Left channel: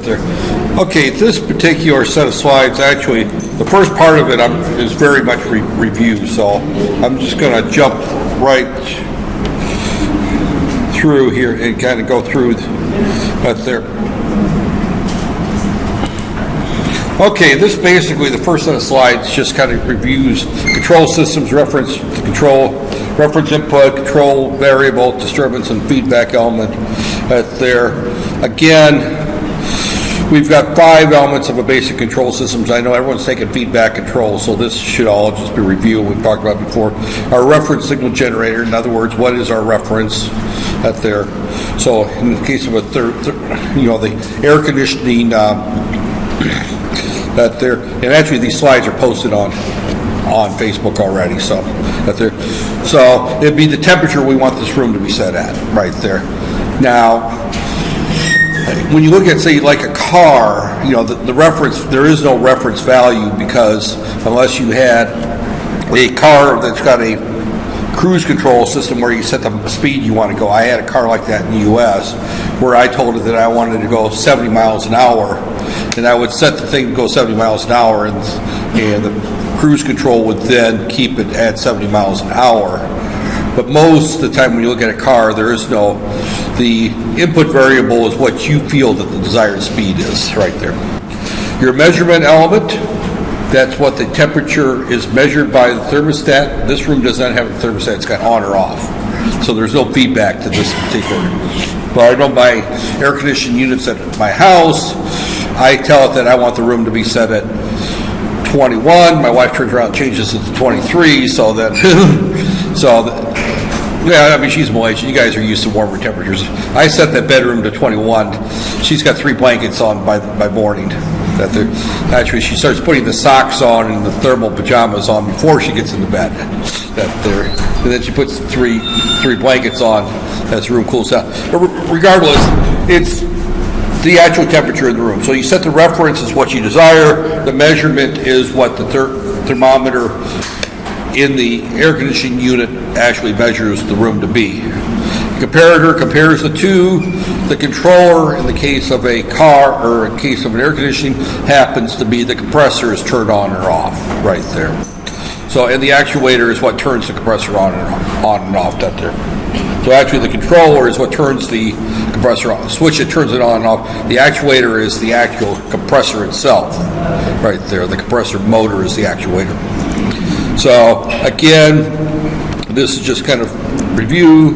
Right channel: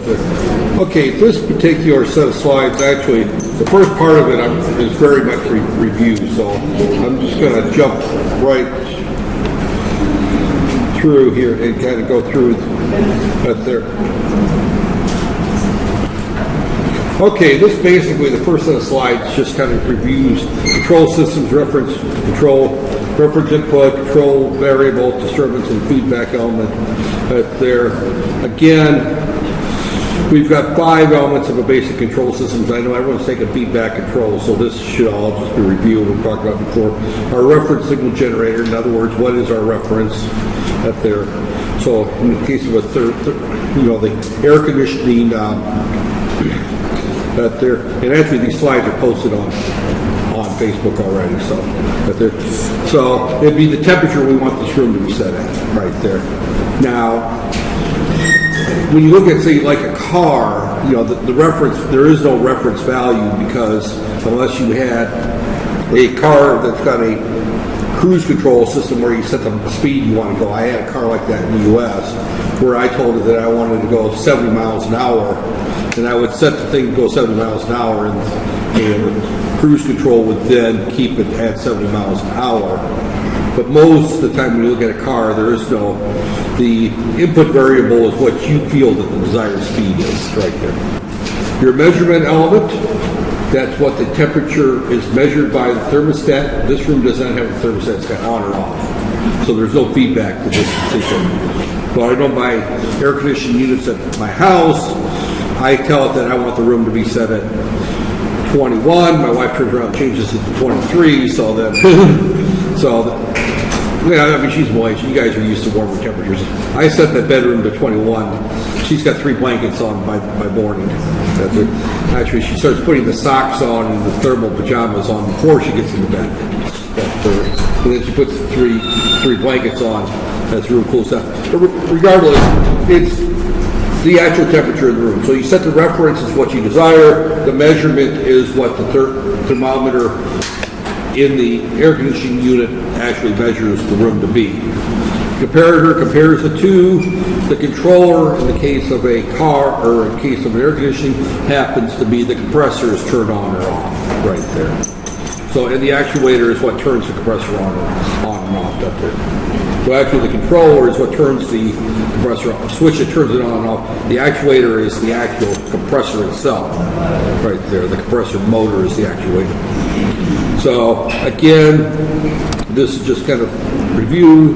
Right there. Okay, this particular set of slides, actually, the first part of it is very much review, so I'm just going to jump right through here and kind of go through right there. Okay, this basically, the first set of slides just kind of reviews control systems, reference input, control variable, disturbance, and feedback element right there. Again, we've got 5 elements of a basic control systems. I know everyone's taking feedback control, so this should all just be reviewed. We've talked about before. Our reference signal generator, in other words, what is our reference right there? So in the case of a the air conditioning that there, and actually these slides are posted on Facebook already, so that there. So it'd be the temperature we want this room to be set at, right there. Now, when you look at, say, like a car, the reference, there is no reference value, because unless you had a car that's got a cruise control system where you set the speed you want to go. I had a car like that in the U.S. where I told it that I wanted to go 70 miles an hour, and I would set the thing to go 70 miles an hour, and the cruise control would then keep it at 70 miles an hour. But most of the time when you look at a car, there is no, the input variable is what you feel that the desired speed is right there. Your measurement element, that's what the temperature is measured by the thermostat. This room does not have a thermostat, it's got on or off. So there's no feedback to this particular. Well, I know my air conditioning units at my house, I tell it that I want the room to be set at 21. My wife turns around and changes it to 23, so that, yeah, I mean, she's Malaysian. You guys are used to warmer temperatures. I set that bedroom to 21. She's got 3 blankets on by morning. Actually, she starts putting the socks on and the thermal pajamas on before she gets into bed. And then she puts three blankets on as the room cools down. But regardless, it's the actual temperature of the room. So you set the reference is what you desire. The measurement is what the thermometer in the air conditioning unit actually measures the room to be. The comparator compares the two. The controller, in the case of a car or in case of an air conditioning, happens to be the compressor is turned on or off right there. So, and the actuator is what turns the compressor on and off right there. So actually the controller is what turns the compressor on. The switch that turns it on and off. The actuator is the actual compressor itself right there. The compressor motor is the actuator. So again, this is just kind of review,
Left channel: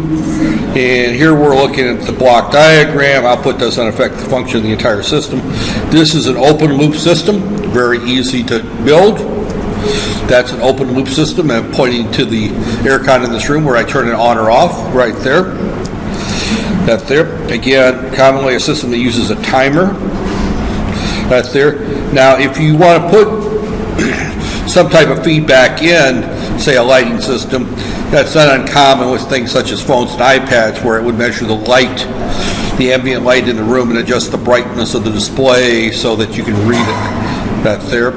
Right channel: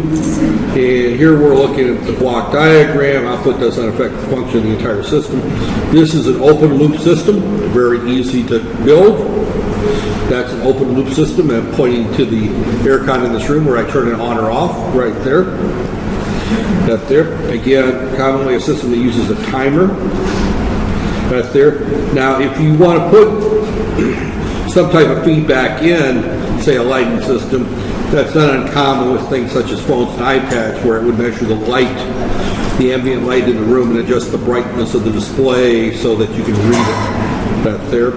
and here we're looking at the block diagram. Output does not affect the function of the entire system. This is an open loop system, very easy to build. That's an open loop system, and I'm pointing to the aircon in this room where I turn it on or off right there. That there. Again, commonly a system that uses a timer. Right there. Now, if you want to put some type of feedback in, say a lighting system, that's not uncommon with things such as phones and iPads, where it would measure the light, the ambient light in the room, and adjust the brightness of the display so that you can read it. That's there.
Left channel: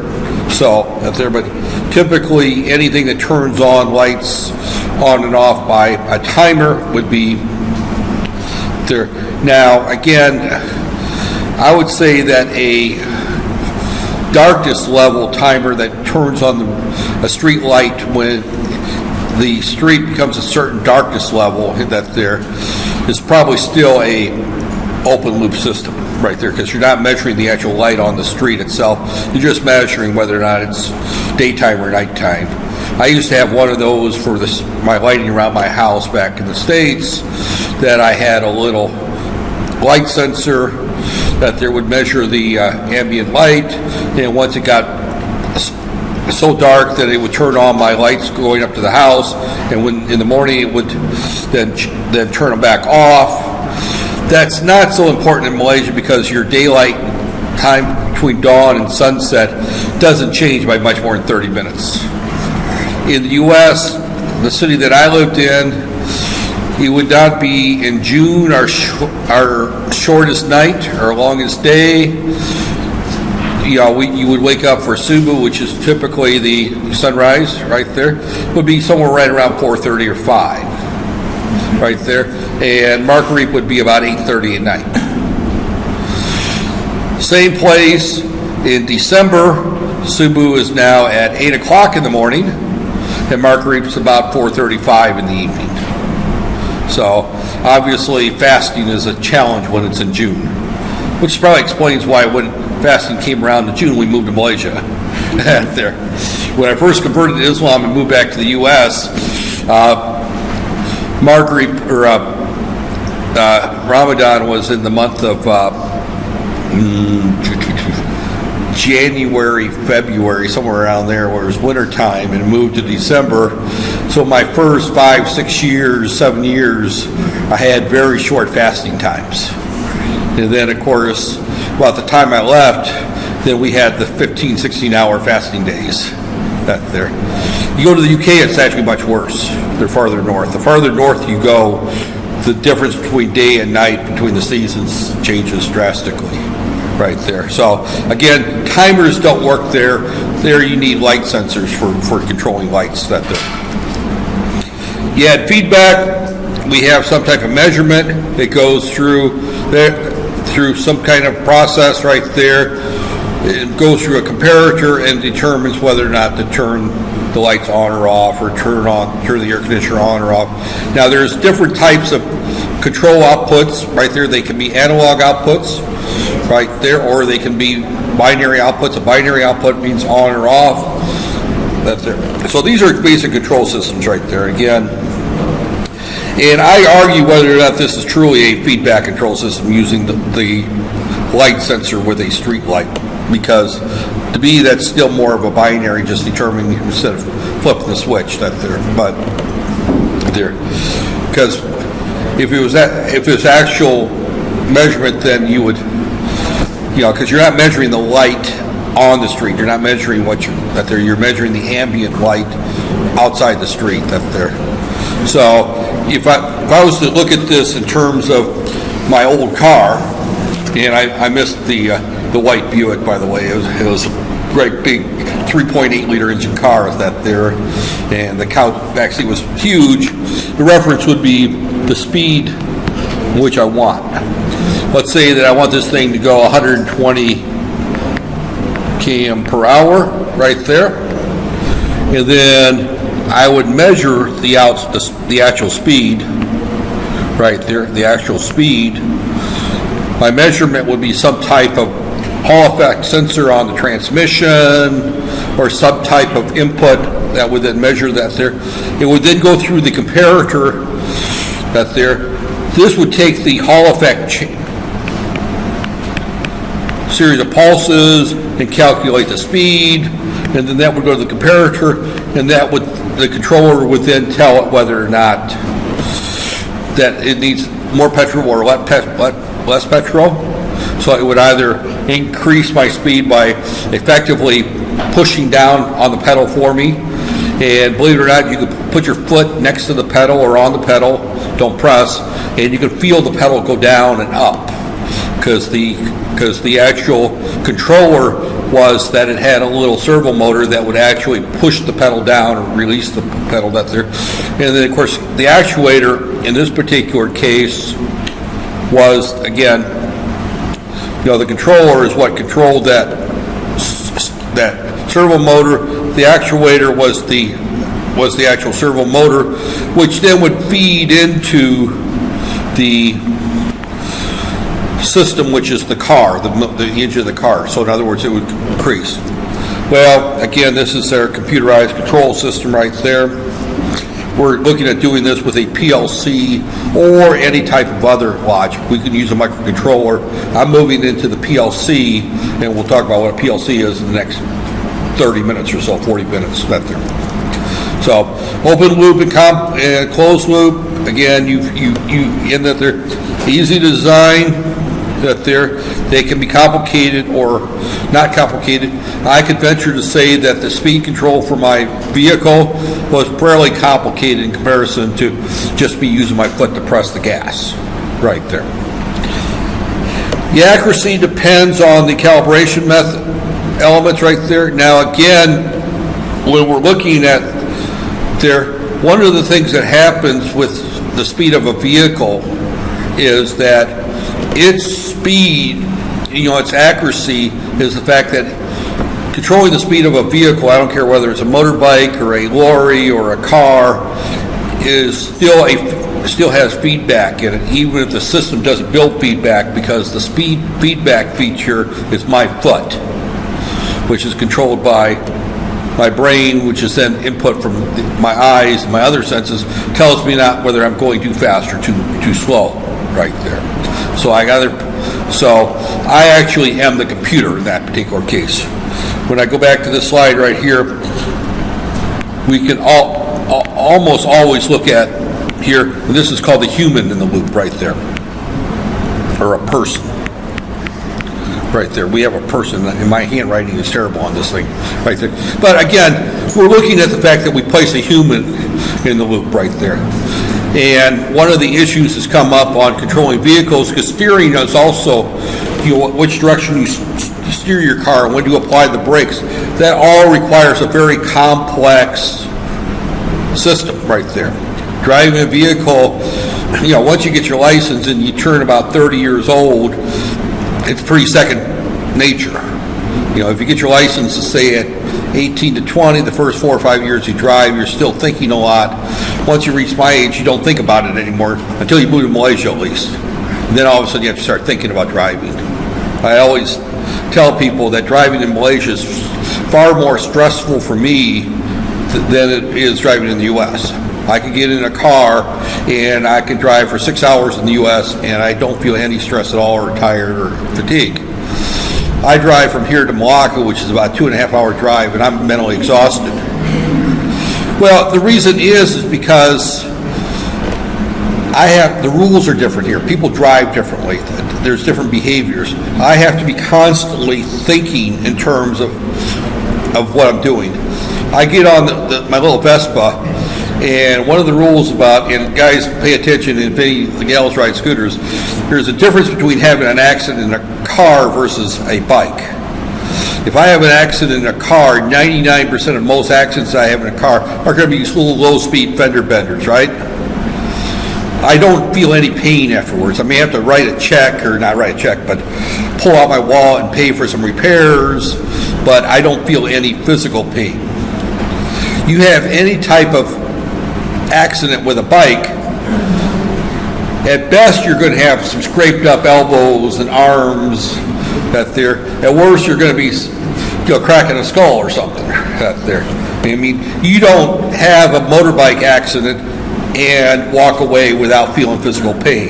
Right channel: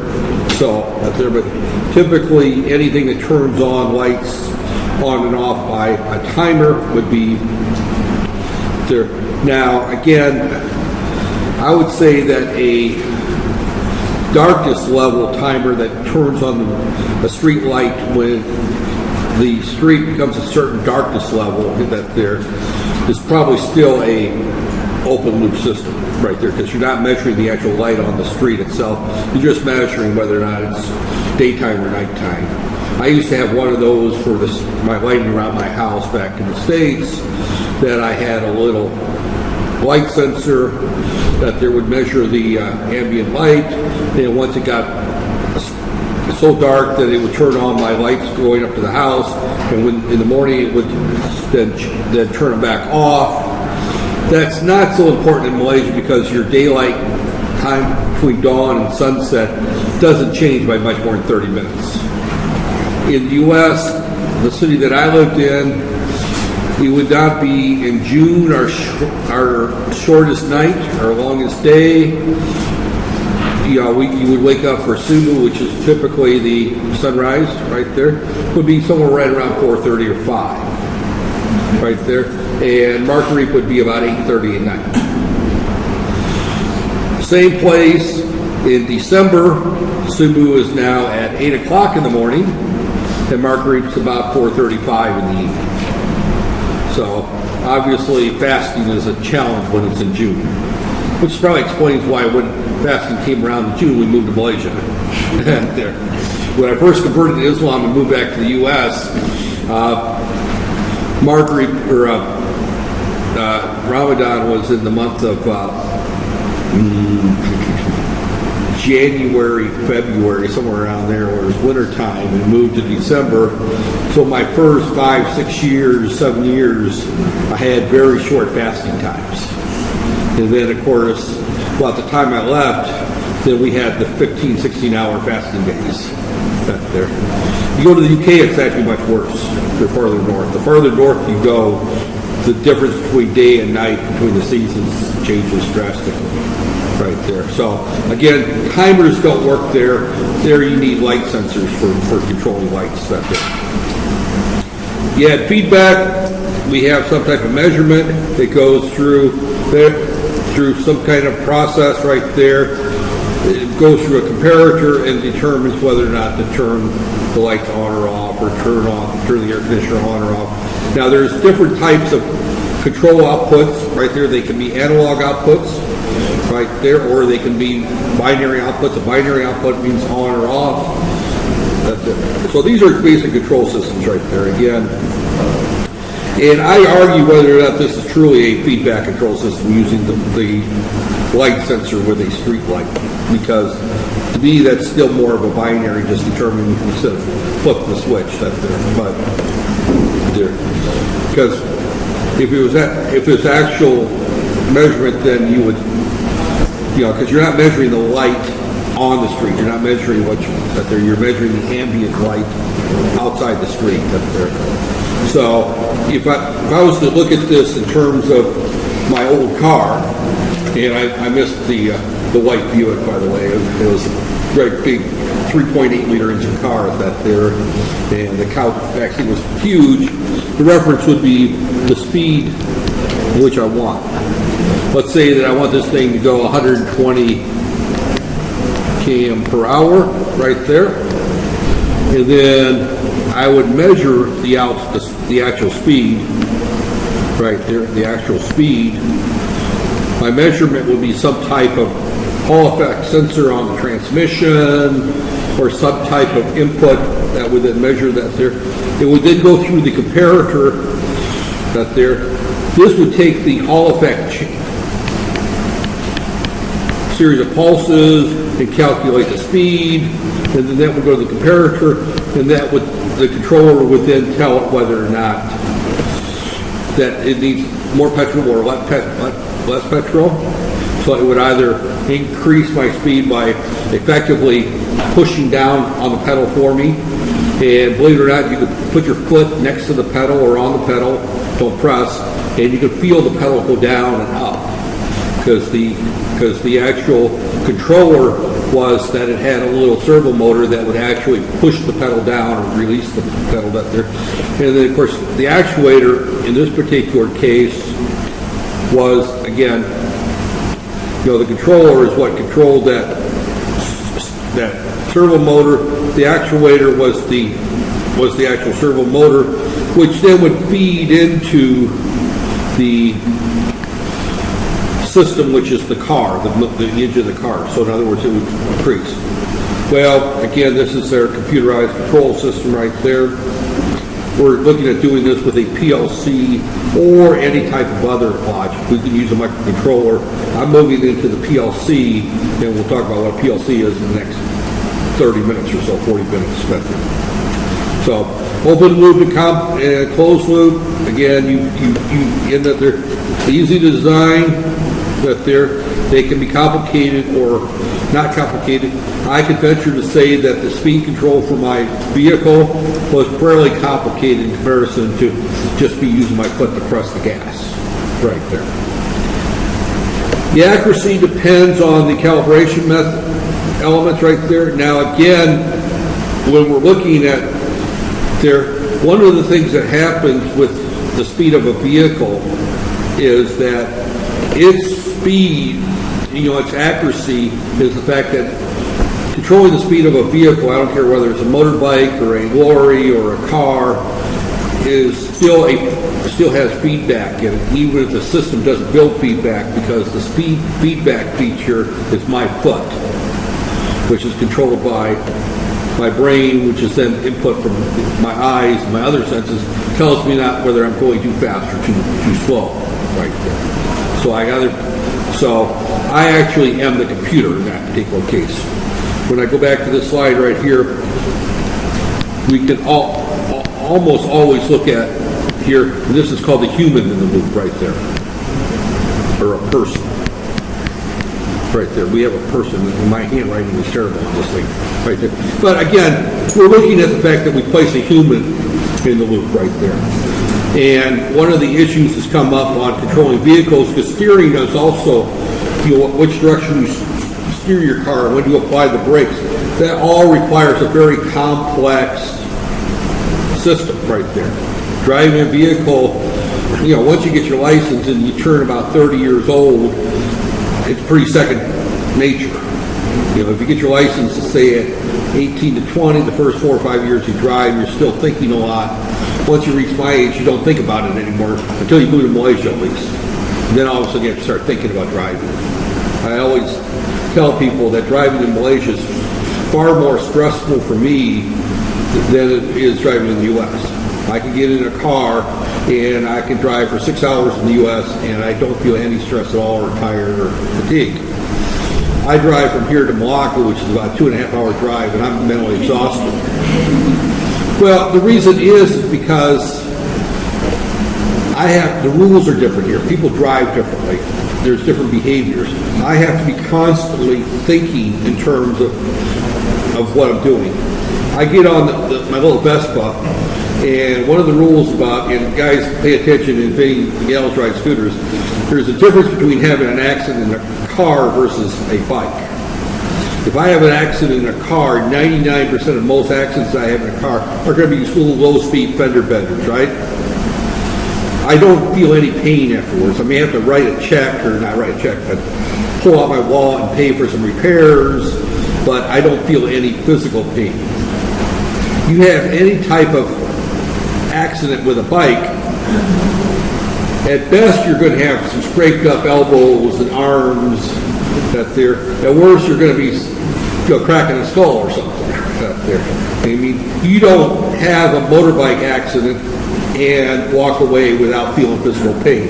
So that's there. But typically, anything that turns on lights on and off by a timer would be there. Now, again, I would say that a darkness level timer that turns on a street light when the street becomes a certain darkness level that there is probably still a open loop system right there, because you're not measuring the actual light on the street itself. You're just measuring whether or not it's daytime or nighttime. I used to have one of those for my lighting around my house back in the States, that I had a little light sensor that there would measure the ambient light, and once it got so dark that it would turn on my lights going up to the house, and when in the morning it would then turn them back off. That's not so important in Malaysia because your daylight time between dawn and sunset doesn't change by much more than 30 minutes. In the U.S., the city that I lived in, it would not be in June our shortest night, our longest day. You would wake up for Subu, which is typically the sunrise right there, would be somewhere right around 4:30 or 5, right there. And Marguerite would be about 8:30 at night. same place in December, Subu is now at 8 o'clock in the morning, and Marguerite's about 4:35 in the evening. So obviously fasting is a challenge when it's in June, which probably explains why when fasting came around in June, we moved to Malaysia. There. When I first converted to Islam and moved back to the U.S., Ramadan was in the month of January, February, somewhere around there, where it was winter time, and moved to December. So my first 5, 6 years, 7 years, I had very short fasting times. And then, of course, about the time I left, then we had the 15, 16-hour fasting days. That there. You go to the UK, it's actually much worse. They're farther north. The farther north you go, the difference between day and night, between the seasons, changes drastically. Right there. So again, timers don't work there. There you need light sensors for controlling lights. That there. You had feedback. We have some type of measurement that goes through some kind of process right there. It goes through a comparator and determines whether or not to turn the lights on or off, or turn the air conditioner on or off. Now there's different types of control outputs right there. They can be analog outputs right there, or they can be binary outputs. A binary output means on or off. That's there. So these are basic control systems right there again. And I argue whether or not this is truly a feedback control system using the light sensor with a street light, because to me that's still more of a binary, just determining instead of flipping the switch. That there, but there, because if it's actual measurement, then you would, because you're not measuring the light on the street, you're not measuring you're measuring the ambient light outside the street. That there. So if I was to look at this in terms of my old car, and I missed the white Buick, by the way. It was a great big 3.8 liter engine car that there, and the count actually was huge. The reference would be the speed which I want. Let's say that I want this thing to go 120 km per hour right there, and then I would measure the actual speed right there, the actual speed. My measurement would be some type of Hall effect sensor on the transmission, or some type of input that would then measure that there. It would then go through the comparator that there. This would take the Hall effect series of pulses and calculate the speed, and then that would go to the comparator, and the controller would then tell it whether or not that it needs more petrol or less petrol. So it would either increase my speed by effectively pushing down on the pedal for me, and believe it or not, you could put your foot next to the pedal or on the pedal, don't press, and you can feel the pedal go down and up, because the actual controller was that it had a little servo motor that would actually push the pedal down or release the pedal that there. And then of course the actuator in this particular case was, again, the controller is what controlled that servo motor. The actuator was the actual servo motor, which then would feed into the system, which is the car, the engine of the car. So in other words, it would increase. Well, again, this is their computerized control system right there. We're looking at doing this with a PLC or any type of other logic. We can use a microcontroller. I'm moving into the PLC, and we'll talk about what a PLC is in the next 30 minutes or so, 40 minutes. So open loop and closed loop. Again, you in that they're easy to design. That they can be complicated or not complicated. I could venture to say that the speed control for my vehicle was fairly complicated in comparison to just be using my foot to press the gas right there. The accuracy depends on the calibration method elements right there. Now again, when we're looking at one of the things that happens with the speed of a vehicle is that its speed its accuracy is the fact that controlling the speed of a vehicle, I don't care whether it's a motorbike or a lorry or a car, is still has feedback in it, even if the system doesn't build feedback, because the speed feedback feature is my foot, which is controlled by my brain, which is then input from my eyes and my other senses, tells me not whether I'm going too fast or too slow right there. So I actually am the computer in that particular case. When I go back to this slide right here, we can almost always look at here, this is called the human in the loop right there, or a person. Right there, we have a person, and my handwriting is terrible on this thing, right there. But again, we're looking at the fact that we place a human in the loop right there. And one of the issues has come up on controlling vehicles, because steering is also, which direction you steer your car and when you apply the brakes. That all requires a very complex system right there. Driving a vehicle, once you get your license and you turn about 30 years old, it's pretty second nature. If you get your license, say at 18 to 20, the first 4 or 5 years you drive, you're still thinking a lot. Once you reach my age, you don't think about it anymore until you move to Malaysia, at least. And then all of a sudden you have to start thinking about driving. I always tell people that driving in Malaysia is far more stressful for me than it is driving in the U.S. I can get in a car and I can drive for 6 hours in the U.S. and I don't feel any stress at all, or tired or fatigue. I drive from here to Malacca, which is about a 2.5 hour drive, and I'm mentally exhausted. Well, the reason is because the rules are different here. People drive differently. There's different behaviors. I have to be constantly thinking in terms of what I'm doing. I get on my little Vespa, and one of the rules about, and guys pay attention, and the gals ride scooters, there's a difference between having an accident in a car versus a bike. If I have an accident in a car, 99% of most accidents I have in a car are going to be little low-speed fender benders, right? I don't feel any pain afterwards. I may have to write a check, or not write a check, but pull out my wallet and pay for some repairs, but I don't feel any physical pain. You have any type of accident with a bike, at best you're going to have some scraped up elbows and arms that there. At worst, you're going to be cracking a skull or something out there. I mean, you don't have a motorbike accident and walk away without feeling physical pain.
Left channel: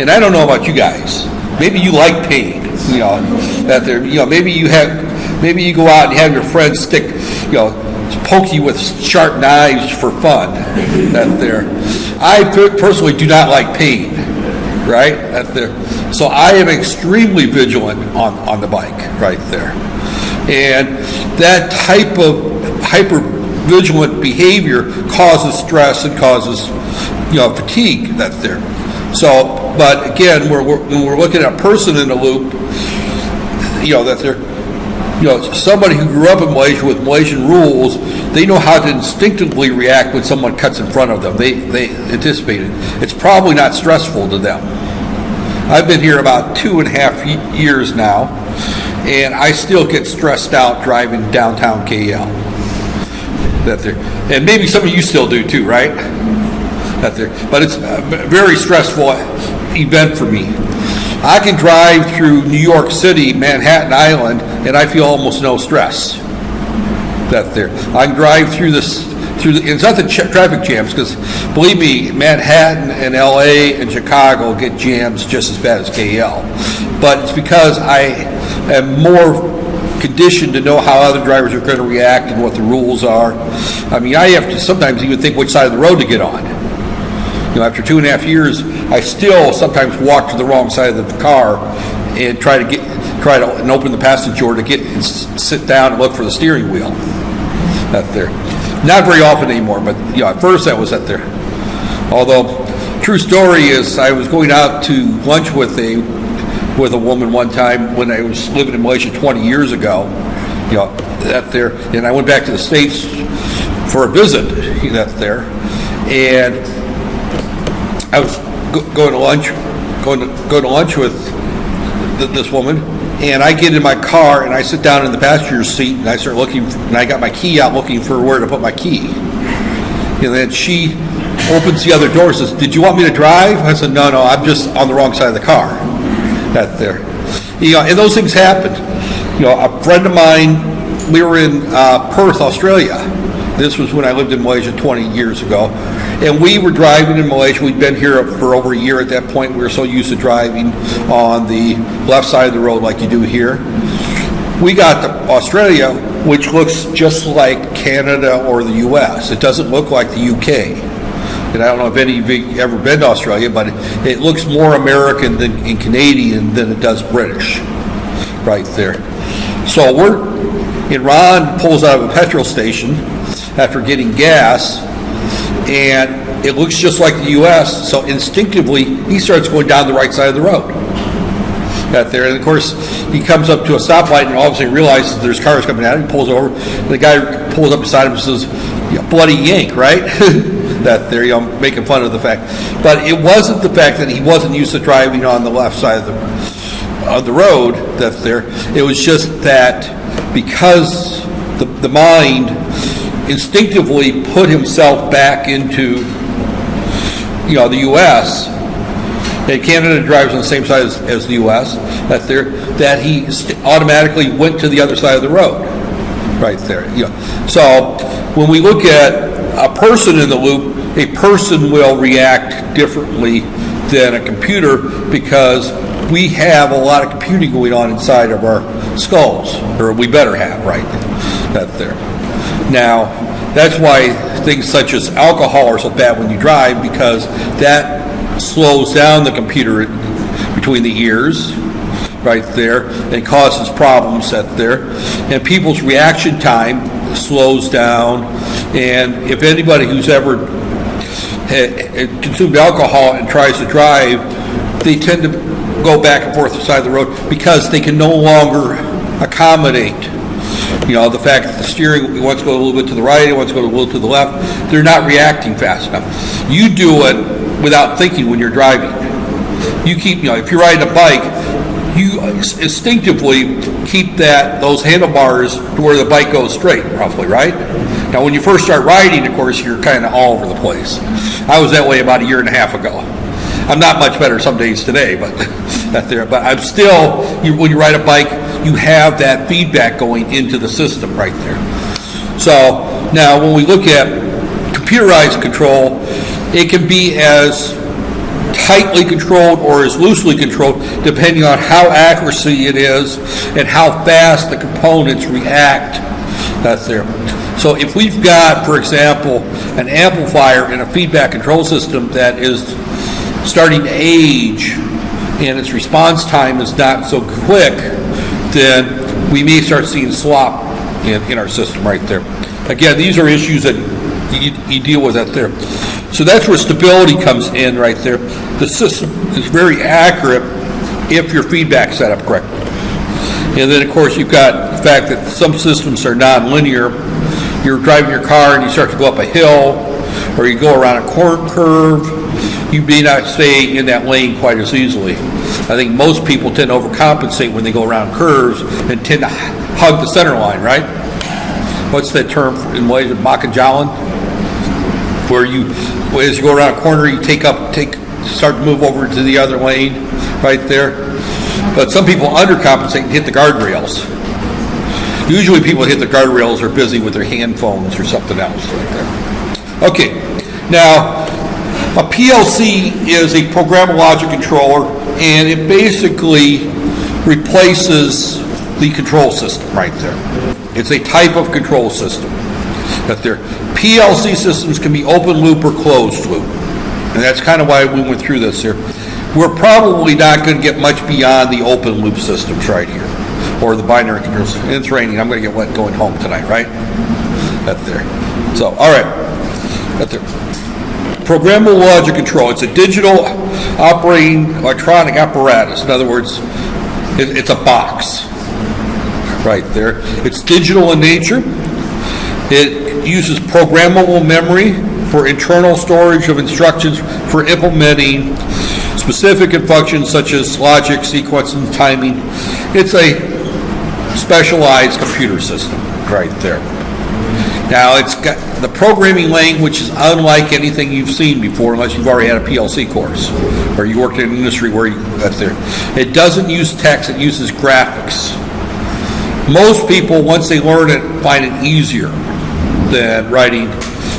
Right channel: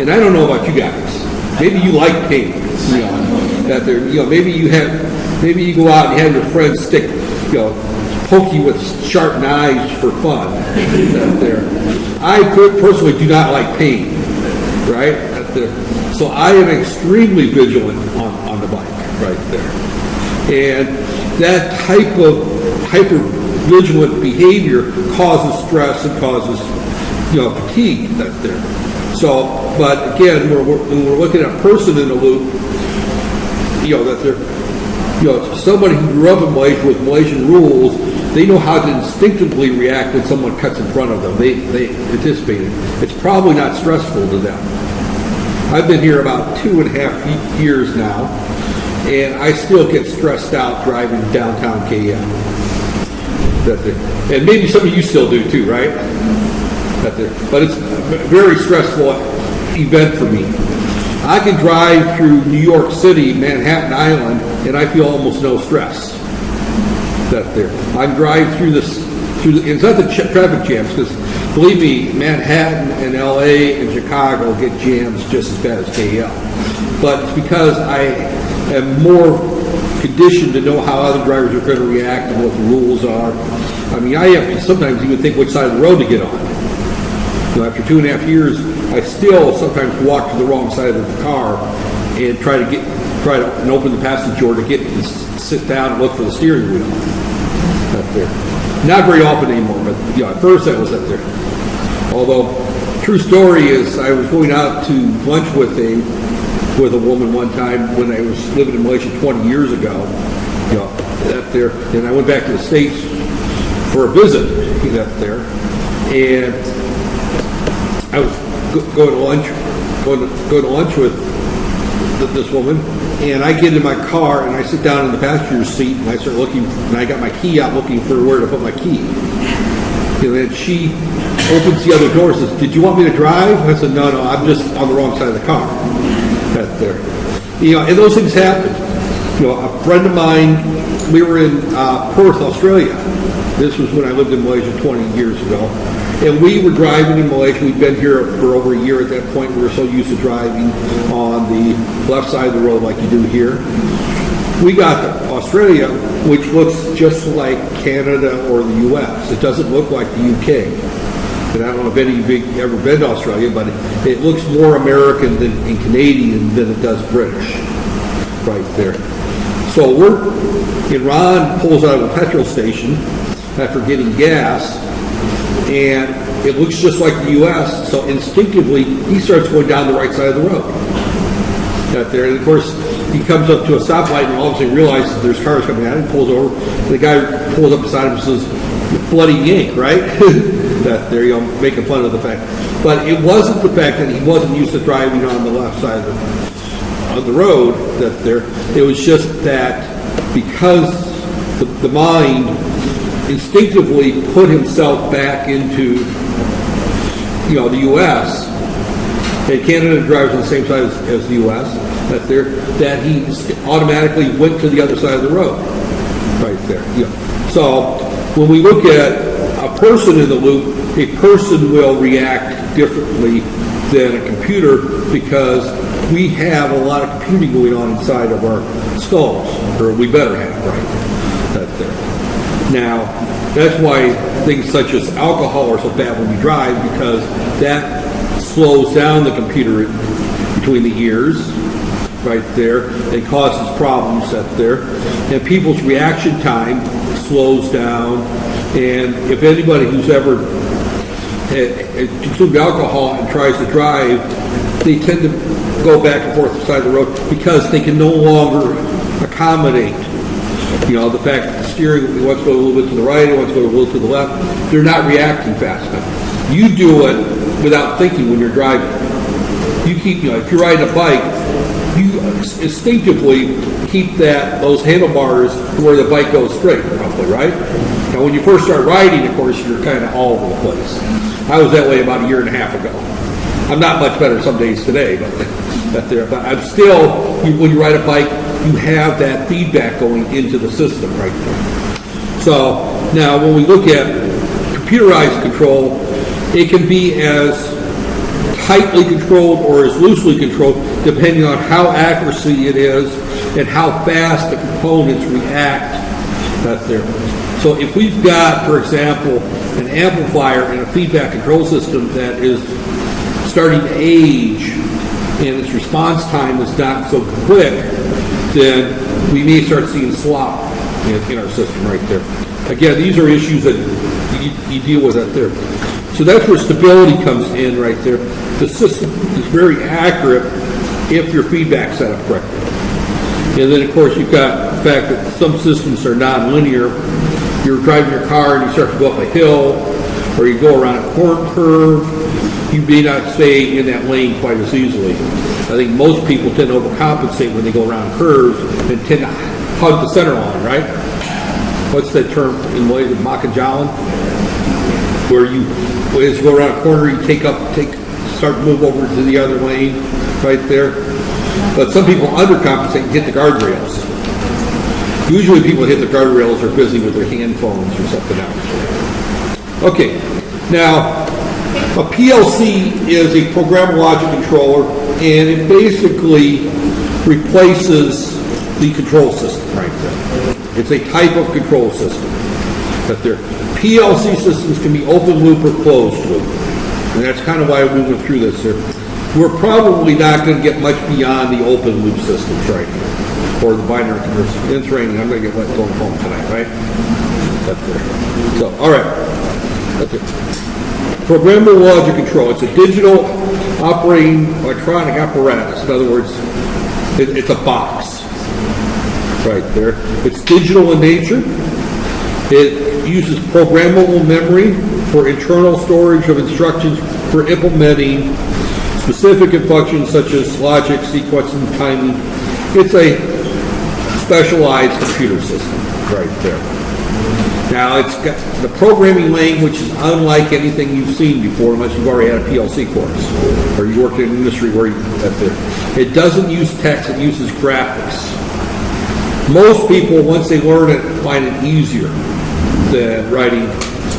And I don't know about you guys. Maybe you like pain. Out there. Maybe you go out and have your friends poke you with sharp knives for fun. Out there. I personally do not like pain. Right? Out there. So I am extremely vigilant on the bike right there. And that type of hyper-vigilant behavior causes stress and causes, fatigue that's there. So, but again, when we're looking at a person in a loop, that they're, somebody who grew up in Malaysia with Malaysian rules, they know how to instinctively react when someone cuts in front of them. They anticipate it. It's probably not stressful to them. I've been here about 2.5 years now, and I still get stressed out driving downtown KL. And maybe some of you still do too, right? But it's a very stressful event for me. I can drive through New York City, Manhattan Island, and I feel almost no stress. I can drive through it's not the traffic jams, because believe me, Manhattan and LA and Chicago get jams just as bad as KL. But it's because I am more conditioned to know how other drivers are going to react and what the rules are. I mean, I have to sometimes even think which side of the road to get on. After 2.5 years, I still sometimes walk to the wrong side of the car and try to open the passenger door to sit down and look for the steering wheel. Out there. Not very often anymore, but at first that was out there. Although, true story is, I was going out to lunch with a woman one time when I was living in Malaysia 20 years ago. Out there, and I went back to the States for a visit. Out there, and I was going to lunch with this woman, and I get in my car and I sit down in the passenger seat and I start looking, and I got my key out looking for where to put my key. And then she opens the other door and says, "Did you want me to drive?" I said, no, I'm just on the wrong side of the car. That's there. And those things happen. A friend of mine, we were in Perth, Australia. This was when I lived in Malaysia 20 years ago. And we were driving in Malaysia. We'd been here for over a year at that point. We were so used to driving on the left side of the road like you do here. We got to Australia, which looks just like Canada or the U.S. It doesn't look like the U.K. And I don't know if any of you have ever been to Australia, but it looks more American and Canadian than it does British right there. So Ron pulls out of a petrol station after getting gas, and it looks just like the U.S., so instinctively he starts going down the right side of the road. Out there, and of course he comes up to a stoplight and all of a sudden realizes there's cars coming at him. He pulls over. The guy pulls up beside him and says, "Bloody yank," right? That there, making fun of the fact. But it wasn't the fact that he wasn't used to driving on the left side of the road. That there, it was just that because the mind instinctively put himself back into the U.S. and Canada drives on the same side as the U.S. that he automatically went to the other side of the road right there. So when we look at a person in the loop, a person will react differently than a computer because we have a lot of computing going on inside of our skulls, or we better have, right? There. Now, that's why things such as alcohol are so bad when you drive, because that slows down the computer between the ears, right there, and causes problems there. And people's reaction time slows down. And if anybody who's ever consumed alcohol and tries to drive, they tend to go back and forth to the side of the road because they can no longer accommodate the fact that the steering wants to go a little bit to the right, it wants to go a little to the left. They're not reacting fast enough. You do it without thinking when you're driving. You keep, if you're riding a bike, you instinctively keep those handlebars to where the bike goes straight, roughly, right? Now, when you first start riding, of course, you're kind of all over the place. I was that way about a year and a half ago. I'm not much better some days today, but I'm still, when you ride a bike, you have that feedback going into the system right there. So now when we look at computerized control, it can be as tightly controlled or as loosely controlled depending on how accuracy it is and how fast the components react. That's there. So if we've got, for example, an amplifier and a feedback control system that is starting to age and its response time is not so quick, then we may start seeing slop in our system right there. Again, these are issues that you deal with there. So that's where stability comes in right there. The system is very accurate if your feedback's set up correctly. And then, of course, you've got the fact that some systems are non-linear. You're driving your car and you start to go up a hill or you go around a curve, you may not stay in that lane quite as easily. I think most people tend to overcompensate when they go around curves and tend to hug the center line, right? What's that term in Malaysia? Makajalan? Where as you go around a corner, you start to move over to the other lane right there. But some people undercompensate and hit the guardrails. Usually people hit the guardrails are busy with their hand phones or something else. Okay, now a PLC is a programmable logic controller, and it basically replaces the control system right there. It's a type of control system. That there, PLC systems can be open loop or closed loop, and that's kind of why we went through this here. We're probably not going to get much beyond the open loop systems right here, or the binary controls. It's raining. I'm going to get wet going home tonight, right? That's there. So, all right. That's there. Programmable logic control. It's a digital operating electronic apparatus. In other words, it's a box right there. It's digital in nature. It uses programmable memory for internal storage of instructions for implementing specific in functions such as logic, sequence, and timing. It's a specialized computer system right there. Now, it's got the programming language is unlike anything you've seen before, unless you've already had a PLC course or you worked in an industry where that's there. It doesn't use text; it uses graphics. Most people, once they learn it, find it easier than writing.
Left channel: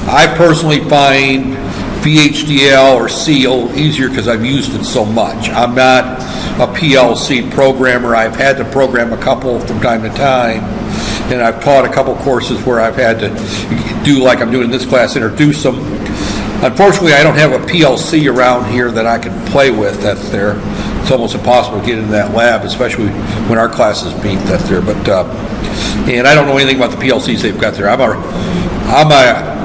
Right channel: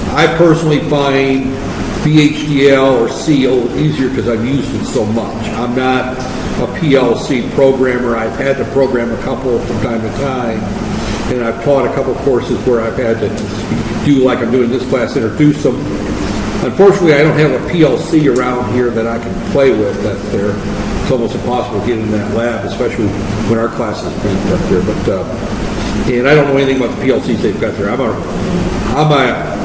I personally find VHDL or C easier because I've used it so much. I'm not a PLC programmer. I've had to program a couple from time to time, and I've taught a couple courses where I've had to do, like I'm doing in this class, introduce them. Unfortunately, I don't have a PLC around here that I can play with that's there. It's almost impossible to get into that lab, especially when our classes meet that's there. But and I don't know anything about the PLCs they've got there. I'm a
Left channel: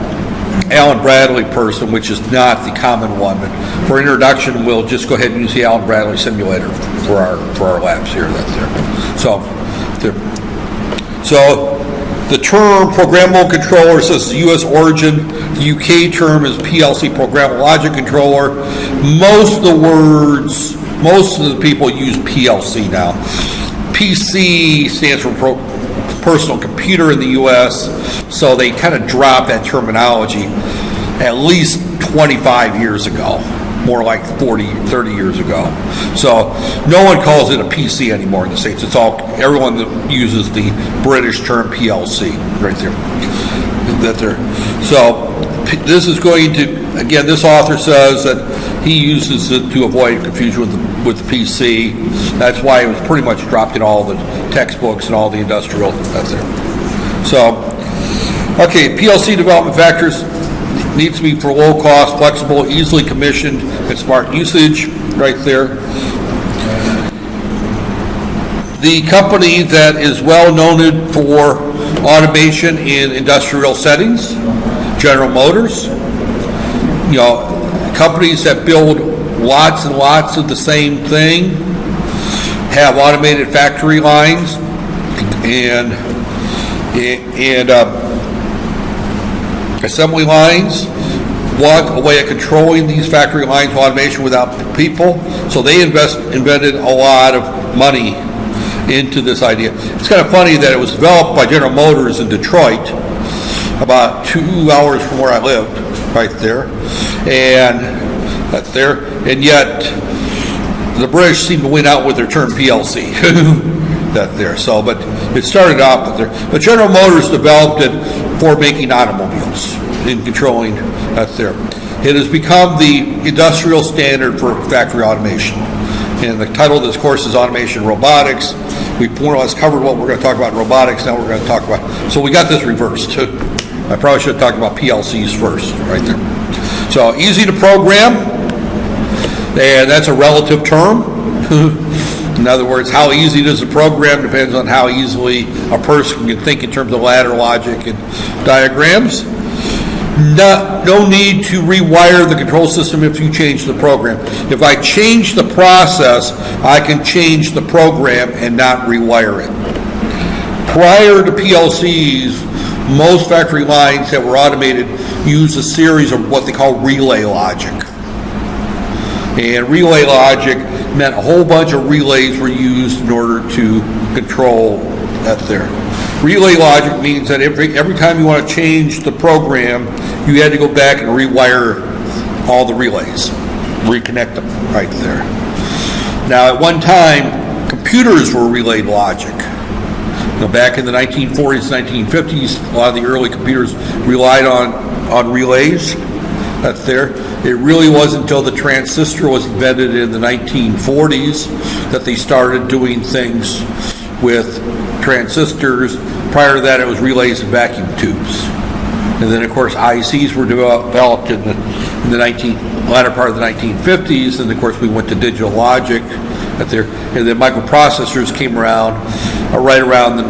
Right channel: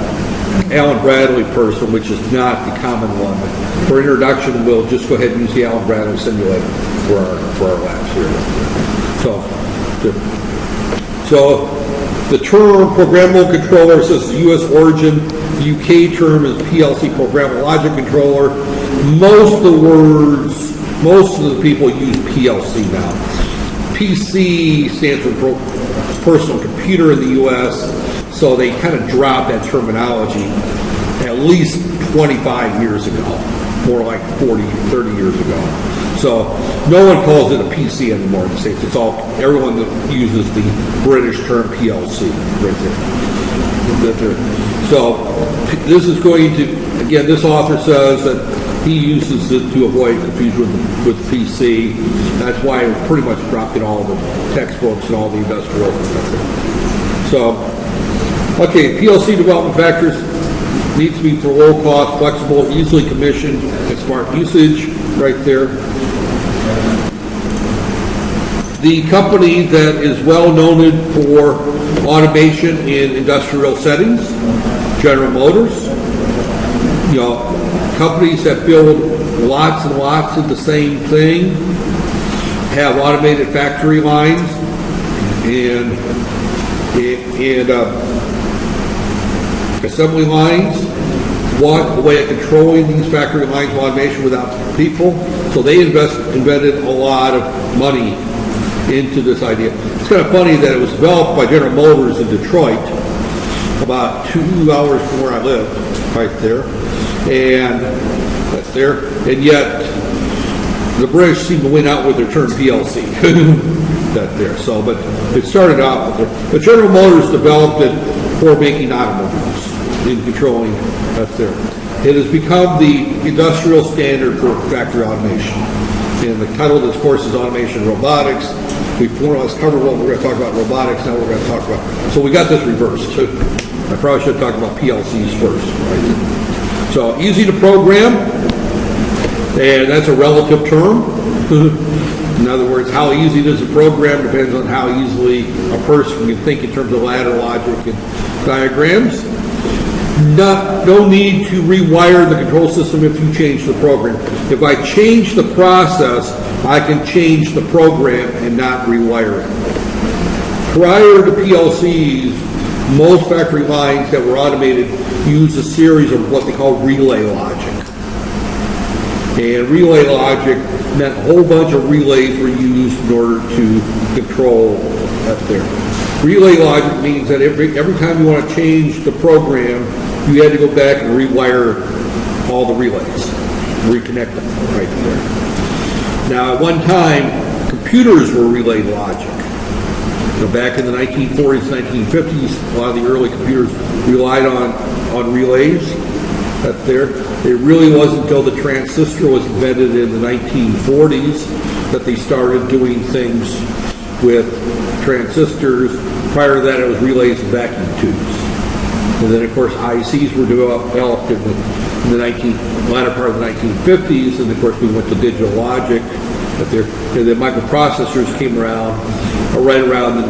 Allen Bradley person, which is not the common one. But for introduction, we'll just go ahead and use the Allen Bradley simulator for our labs here. So the term programmable controller says U.S. origin. The U.K. term is PLC, programmable logic controller. Most of the people use PLC now. PC stands for personal computer in the U.S., so they kind of dropped that terminology at least 25 years ago, more like 40, 30 years ago. So no one calls it a PC anymore in the States. It's all, everyone that uses the British term PLC right there. So this is going to, again, this author says that he uses it to avoid confusion with the PC. That's why it was pretty much dropped in all the textbooks and all the industrial. That's there. So, okay, PLC development factors needs to be for low cost, flexible, easily commissioned, and smart usage. Right there. The company that is well known for automation in industrial settings, General Motors. You know, companies that build lots and lots of the same thing have automated factory lines and assembly lines. Want a way of controlling these factory lines with automation without people. So they invented a lot of money into this idea. It's kind of funny that it was developed by General Motors in Detroit, about 2 hours from where I lived, right there. And that's there. And yet the British seem to win out with their term PLC. That there. So, but it started out with there. But General Motors developed it for making automobiles in controlling that's there. It has become the industrial standard for factory automation. And the title of this course is Automation Robotics. We more or less covered what we're going to talk about in robotics. Now we're going to talk about, so we got this reversed. I probably should have talked about PLCs first, right there. So easy to program, and that's a relative term. In other words, how easy it is to program depends on how easily a person can think in terms of ladder logic and diagrams. No need to rewire the control system if you change the program. If I change the process, I can change the program and not rewire it. Prior to PLCs, most factory lines that were automated used a series of what they call relay logic. And relay logic meant a whole bunch of relays were used in order to control that there. Relay logic means that every time you want to change the program, you had to go back and rewire all the relays, reconnect them right there. Now, at one time, computers were relay logic. Back in the 1940s, 1950s, a lot of the early computers relied on relays. That's there. It really wasn't until the transistor was invented in the 1940s that they started doing things with transistors. Prior to that, it was relays and vacuum tubes. And then, of course, ICs were developed in the latter part of the 1950s. And, of course, we went to digital logic. And then microprocessors came around right around the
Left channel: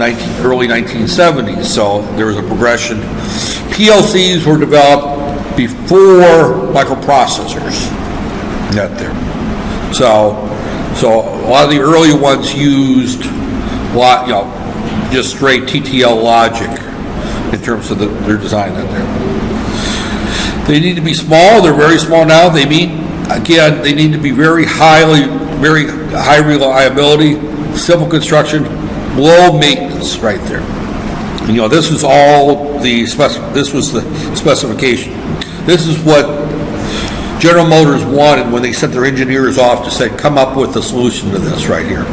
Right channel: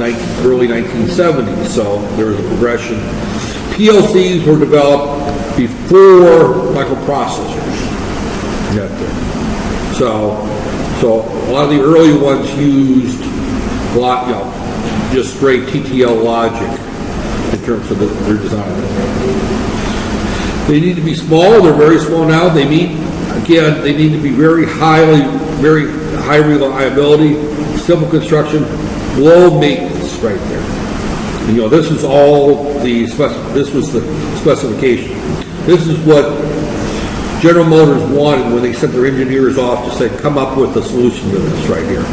early 1970s. So there was a progression. PLCs were developed before microprocessors got there. So a lot of the early ones used just straight TTL logic in terms of their design. They need to be small. They're very small now. They meet Again, they need to be very high reliability, simple construction, low maintenance right there. And, this was all this was the specification. This is what General Motors wanted when they sent their engineers off to say, come up with a solution to this right here.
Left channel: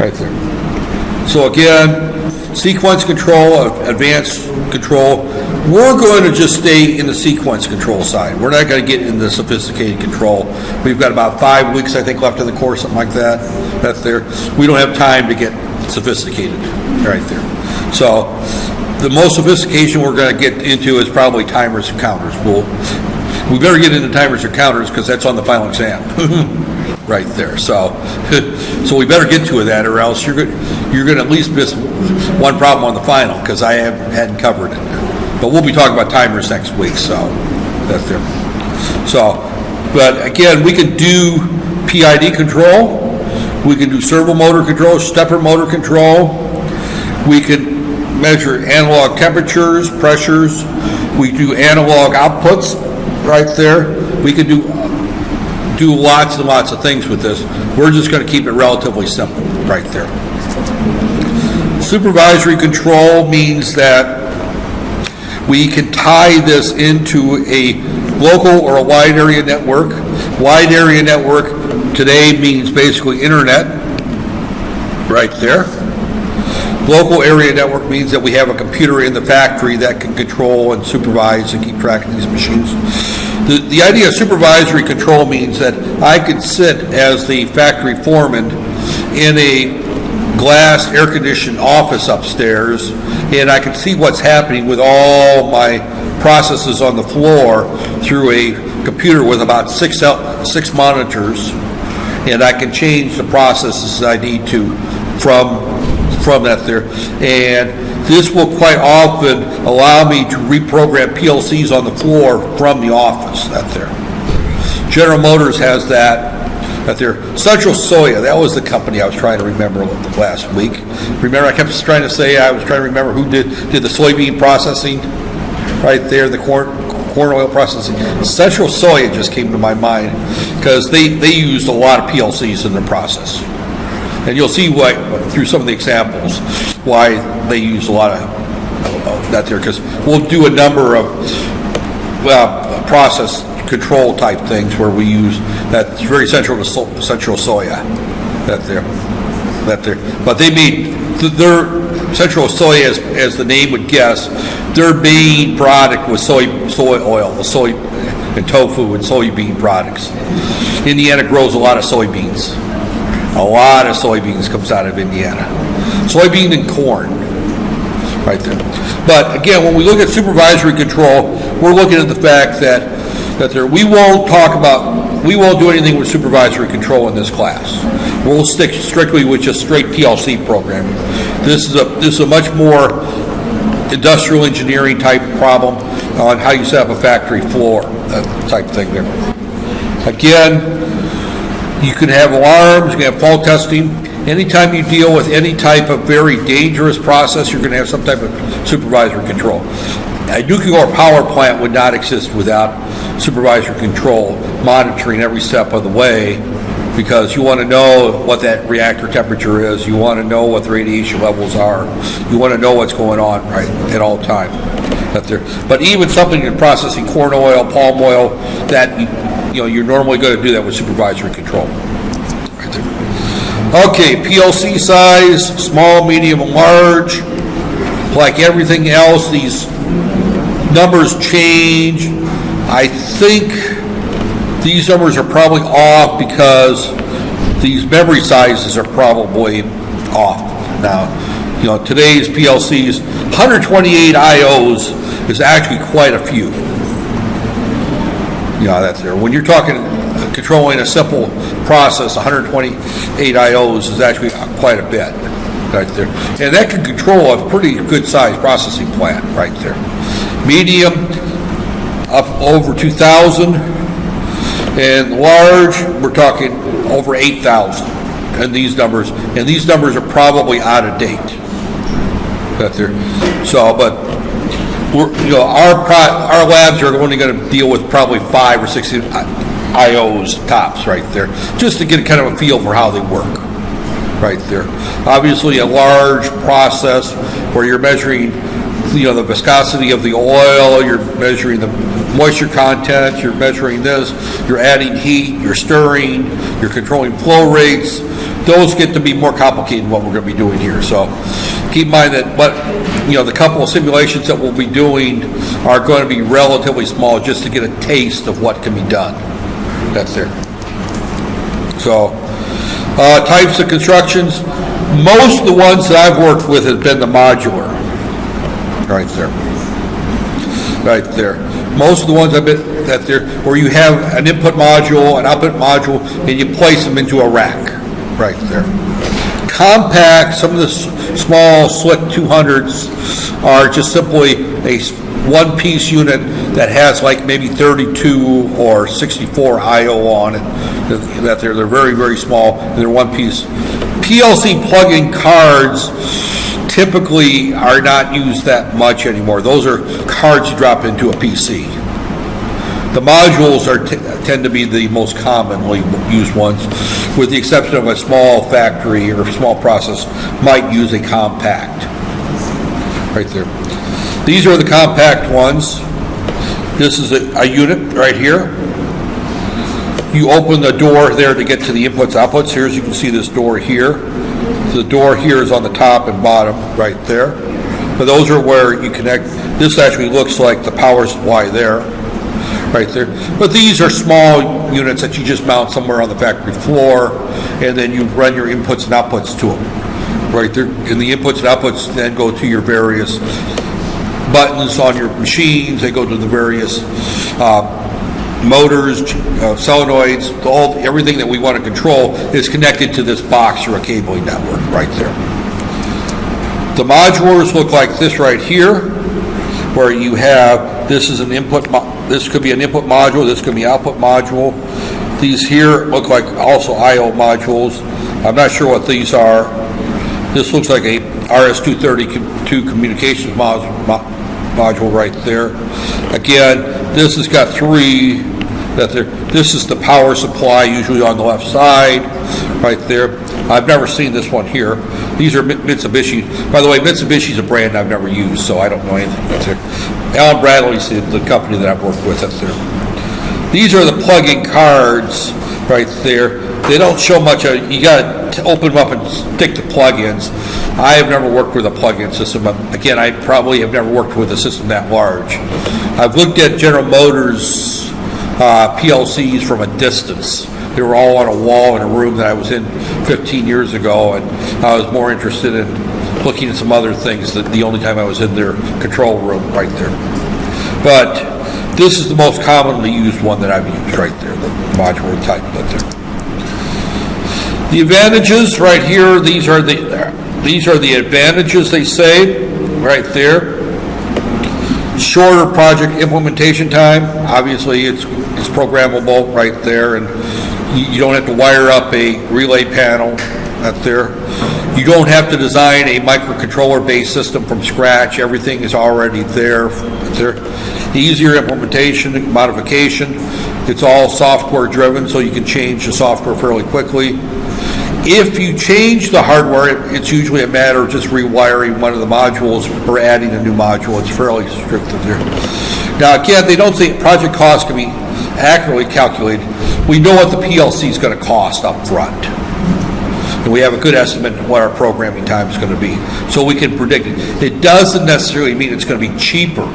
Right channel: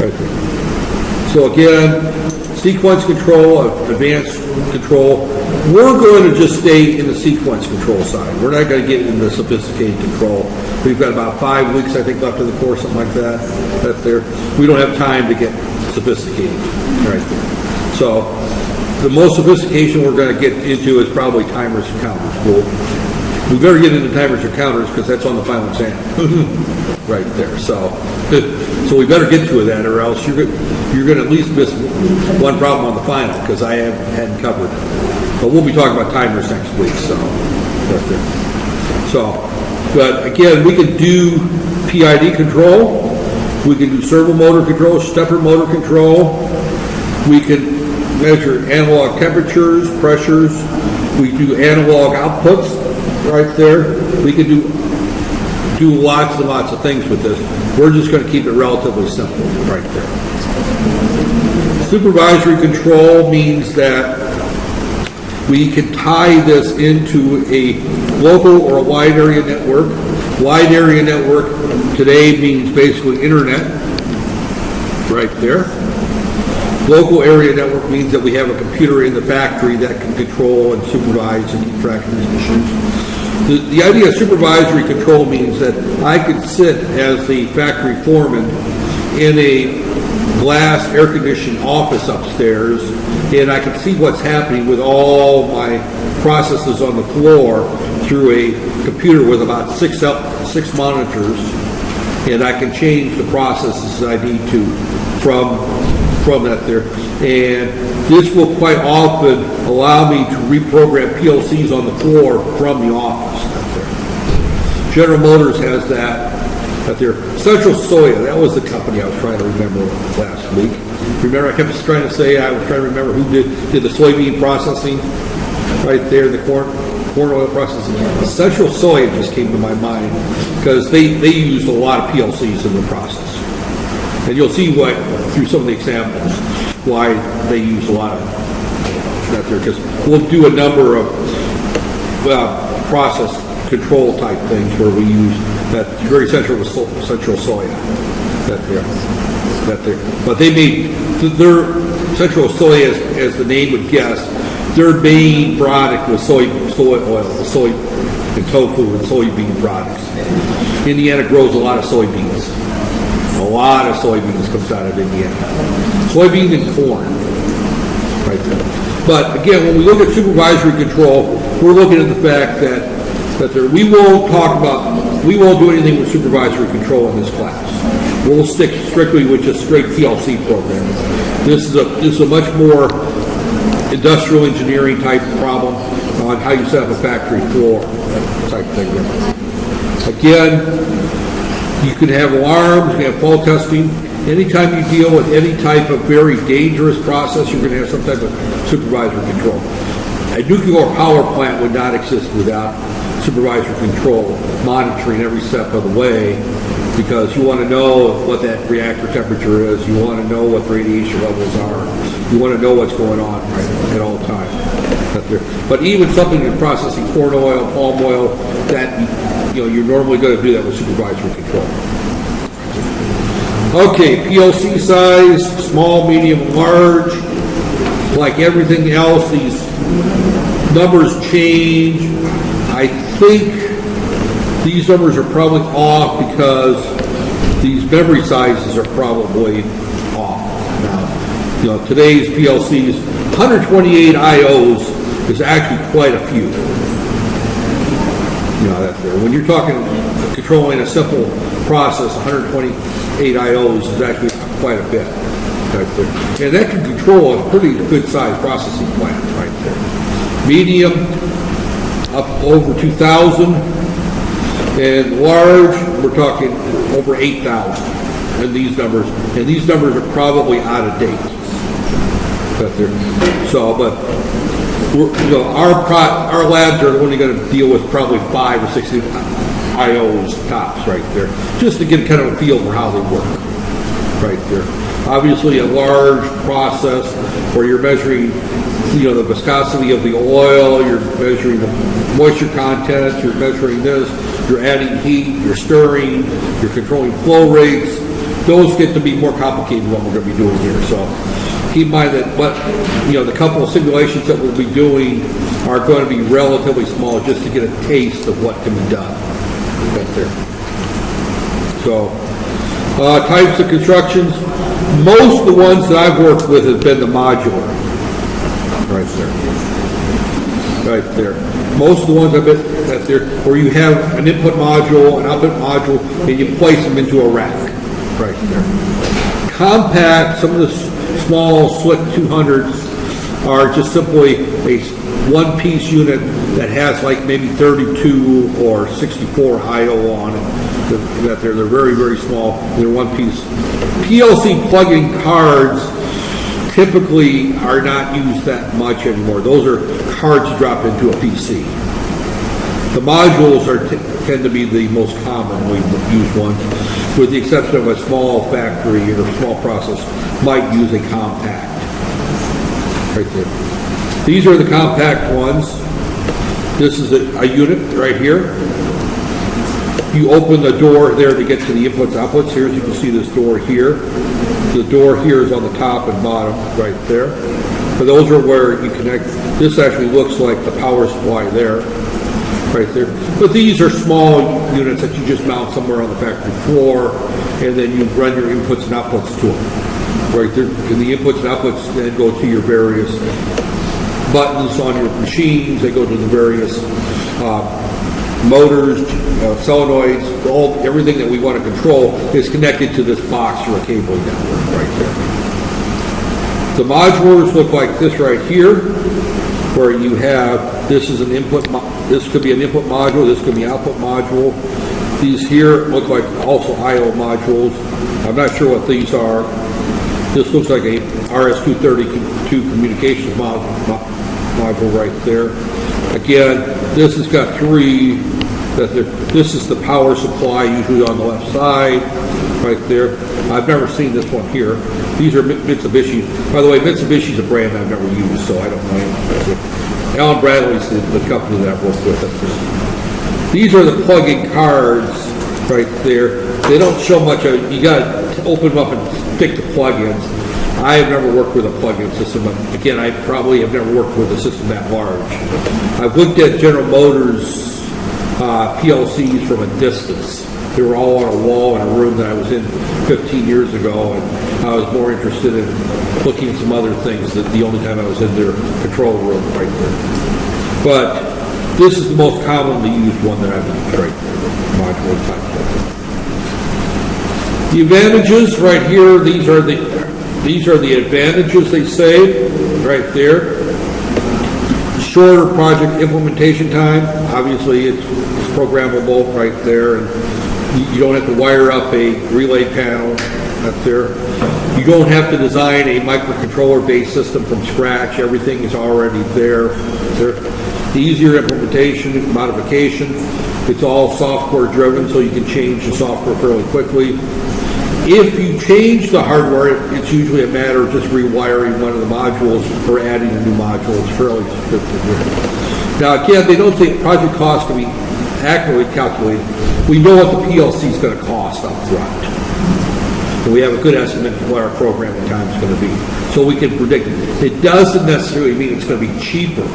Right there. So again, sequence control, advanced control. We're going to just stay in the sequence control side. We're not going to get into sophisticated control. We've got about 5 weeks, I think, left in the course, something like that. That's there. We don't have time to get sophisticated right there. So the most sophistication we're going to get into is probably timers and counters. We better get into timers and counters because that's on the final exam. Right there. So we better get to that, or else you're going to at least miss one problem on the final because I hadn't covered it. But we'll be talking about timers next week, so that's there. So, but again, we can do PID control, we can do servo motor control, stepper motor control, we can measure analog temperatures, pressures, we do analog outputs right there. We can do lots and lots of things with this. We're just going to keep it relatively simple right there. Supervisory control means that we can tie this into a local or a wide area network. Wide area network today means basically internet right there. Local area network means that we have a computer in the factory that can control and supervise and keep track of these machines. The idea of supervisory control means that I could sit as the factory foreman in a glass air-conditioned office upstairs, and I can see what's happening with all my processes on the floor through a computer with about six monitors, and I can change the processes I need to from that there. And this will quite often allow me to reprogram PLCs on the floor from the office out there. General Motors has that there. Central Soya, that was the company I was trying to remember last week. Remember, I kept trying to say I was trying to remember who did the soybean processing right there, the corn oil processing. Central Soya just came to my mind because they used a lot of PLCs in their process. And you'll see why through some of the examples why they use a lot of that there, because we'll do a number of process control type things where we use that's very central to Central Soya that there. But they made their Central Soya, as the name would guess, their main product was soy oil, the soy and tofu and soybean products. Indiana grows a lot of soybeans. A lot of soybeans comes out of Indiana. Soybean and corn, right there. But again, when we look at supervisory control, we're looking at the fact that we won't do anything with supervisory control in this class. We'll stick strictly with just straight PLC programming. This is a much more industrial engineering type problem on how you set up a factory floor type thing there. Again, you can have alarms, you can have fault testing. Anytime you deal with any type of very dangerous process, you're going to have some type of supervisory control. A nuclear power plant would not exist without supervisory control, monitoring every step of the way, because you want to know what that reactor temperature is, you want to know what the radiation levels are, you want to know what's going on right at all times. But even something in processing corn oil, palm oil, that you're normally going to do that with supervisory control. Okay, PLC size, small, medium, and large. Like everything else, these numbers change. I think these numbers are probably off because these memory sizes are probably off. Now, today's PLCs, 128 IOs is actually quite a few. That's there. When you're talking controlling a simple process, 128 IOs is actually quite a bit right there. And that can control a pretty good sized processing plant right there. Medium, up over 2,000. And large, we're talking over 8,000. And these numbers are probably out of date. Right there. So, but our labs are only going to deal with probably 5 or 6. IOs, tops right there, just to get kind of a feel for how they work right there. Obviously a large process where you're measuring the viscosity of the oil, you're measuring the moisture content, you're measuring this, you're adding heat, you're stirring, you're controlling flow rates. Those get to be more complicated than what we're going to be doing here. So keep in mind that the couple of simulations that we'll be doing are going to be relatively small, just to get a taste of what can be done. That's there. So types of constructions, most of the ones that I've worked with have been the modular. Right there. Most of the ones I've been where you have an input module, an output module, and you place them into a rack. Right there. Compact, some of the small slick 200s are just simply a one-piece unit that has like maybe 32 or 64 I/O on it. They're very, very small. They're one piece. PLC plug-in cards typically are not used that much anymore. Those are cards you drop into a PC. The modules tend to be the most commonly used ones, with the exception of a small factory or small process might use a compact. Right there. These are the compact ones. This is a unit right here. You open the door there to get to the inputs, outputs. Here, as you can see, this door here. The door here is on the top and bottom right there. But those are where you connect. This actually looks like the power supply there, right there. But these are small units that you just mount somewhere on the factory floor, and then you run your inputs and outputs to them, right there. And the inputs and outputs then go to your various buttons on your machines. They go to the various motors, solenoids, everything that we want to control is connected to this box or a cabling network right there. The modulars look like this right here, where you have, this is an input, this could be an input module, this could be output module. These here look like also I/O modules. I'm not sure what these are. This looks like a RS-232 communications module right there. Again, this has got three. This is the power supply, usually on the left side, right there. I've never seen this one here. These are Mitsubishi. By the way, Mitsubishi is a brand I've never used, so I don't know anything. Allen Bradley's the company that I've worked with up there. These are the plug-in cards right there. They don't show much. You got to open them up and stick the plug-ins. I have never worked with a plug-in system. Again, I probably have never worked with a system that large. I've looked at General Motors PLCs from a distance. They were all on a wall in a room that I was in 15 years ago, and I was more interested in looking at some other things that the only time I was in their control room right there. But this is the most commonly used one that I've used right there, modular type right there. The advantages right here, these are the advantages, they say, right there. Shorter project implementation time. Obviously, it's programmable right there, and you don't have to wire up a relay panel up there. You don't have to design a microcontroller-based system from scratch. Everything is already there. Easier implementation, modification. It's all software-driven, so you can change the software fairly quickly. If you change the hardware, it's usually a matter of just rewiring one of the modules or adding a new module. It's fairly scripted here. Now, again, they don't say project costs can be accurately calculated. We know what the PLC is going to cost up front. And we have a good estimate of what our programming time is going to be. So we can predict it. It doesn't necessarily mean it's going to be cheaper,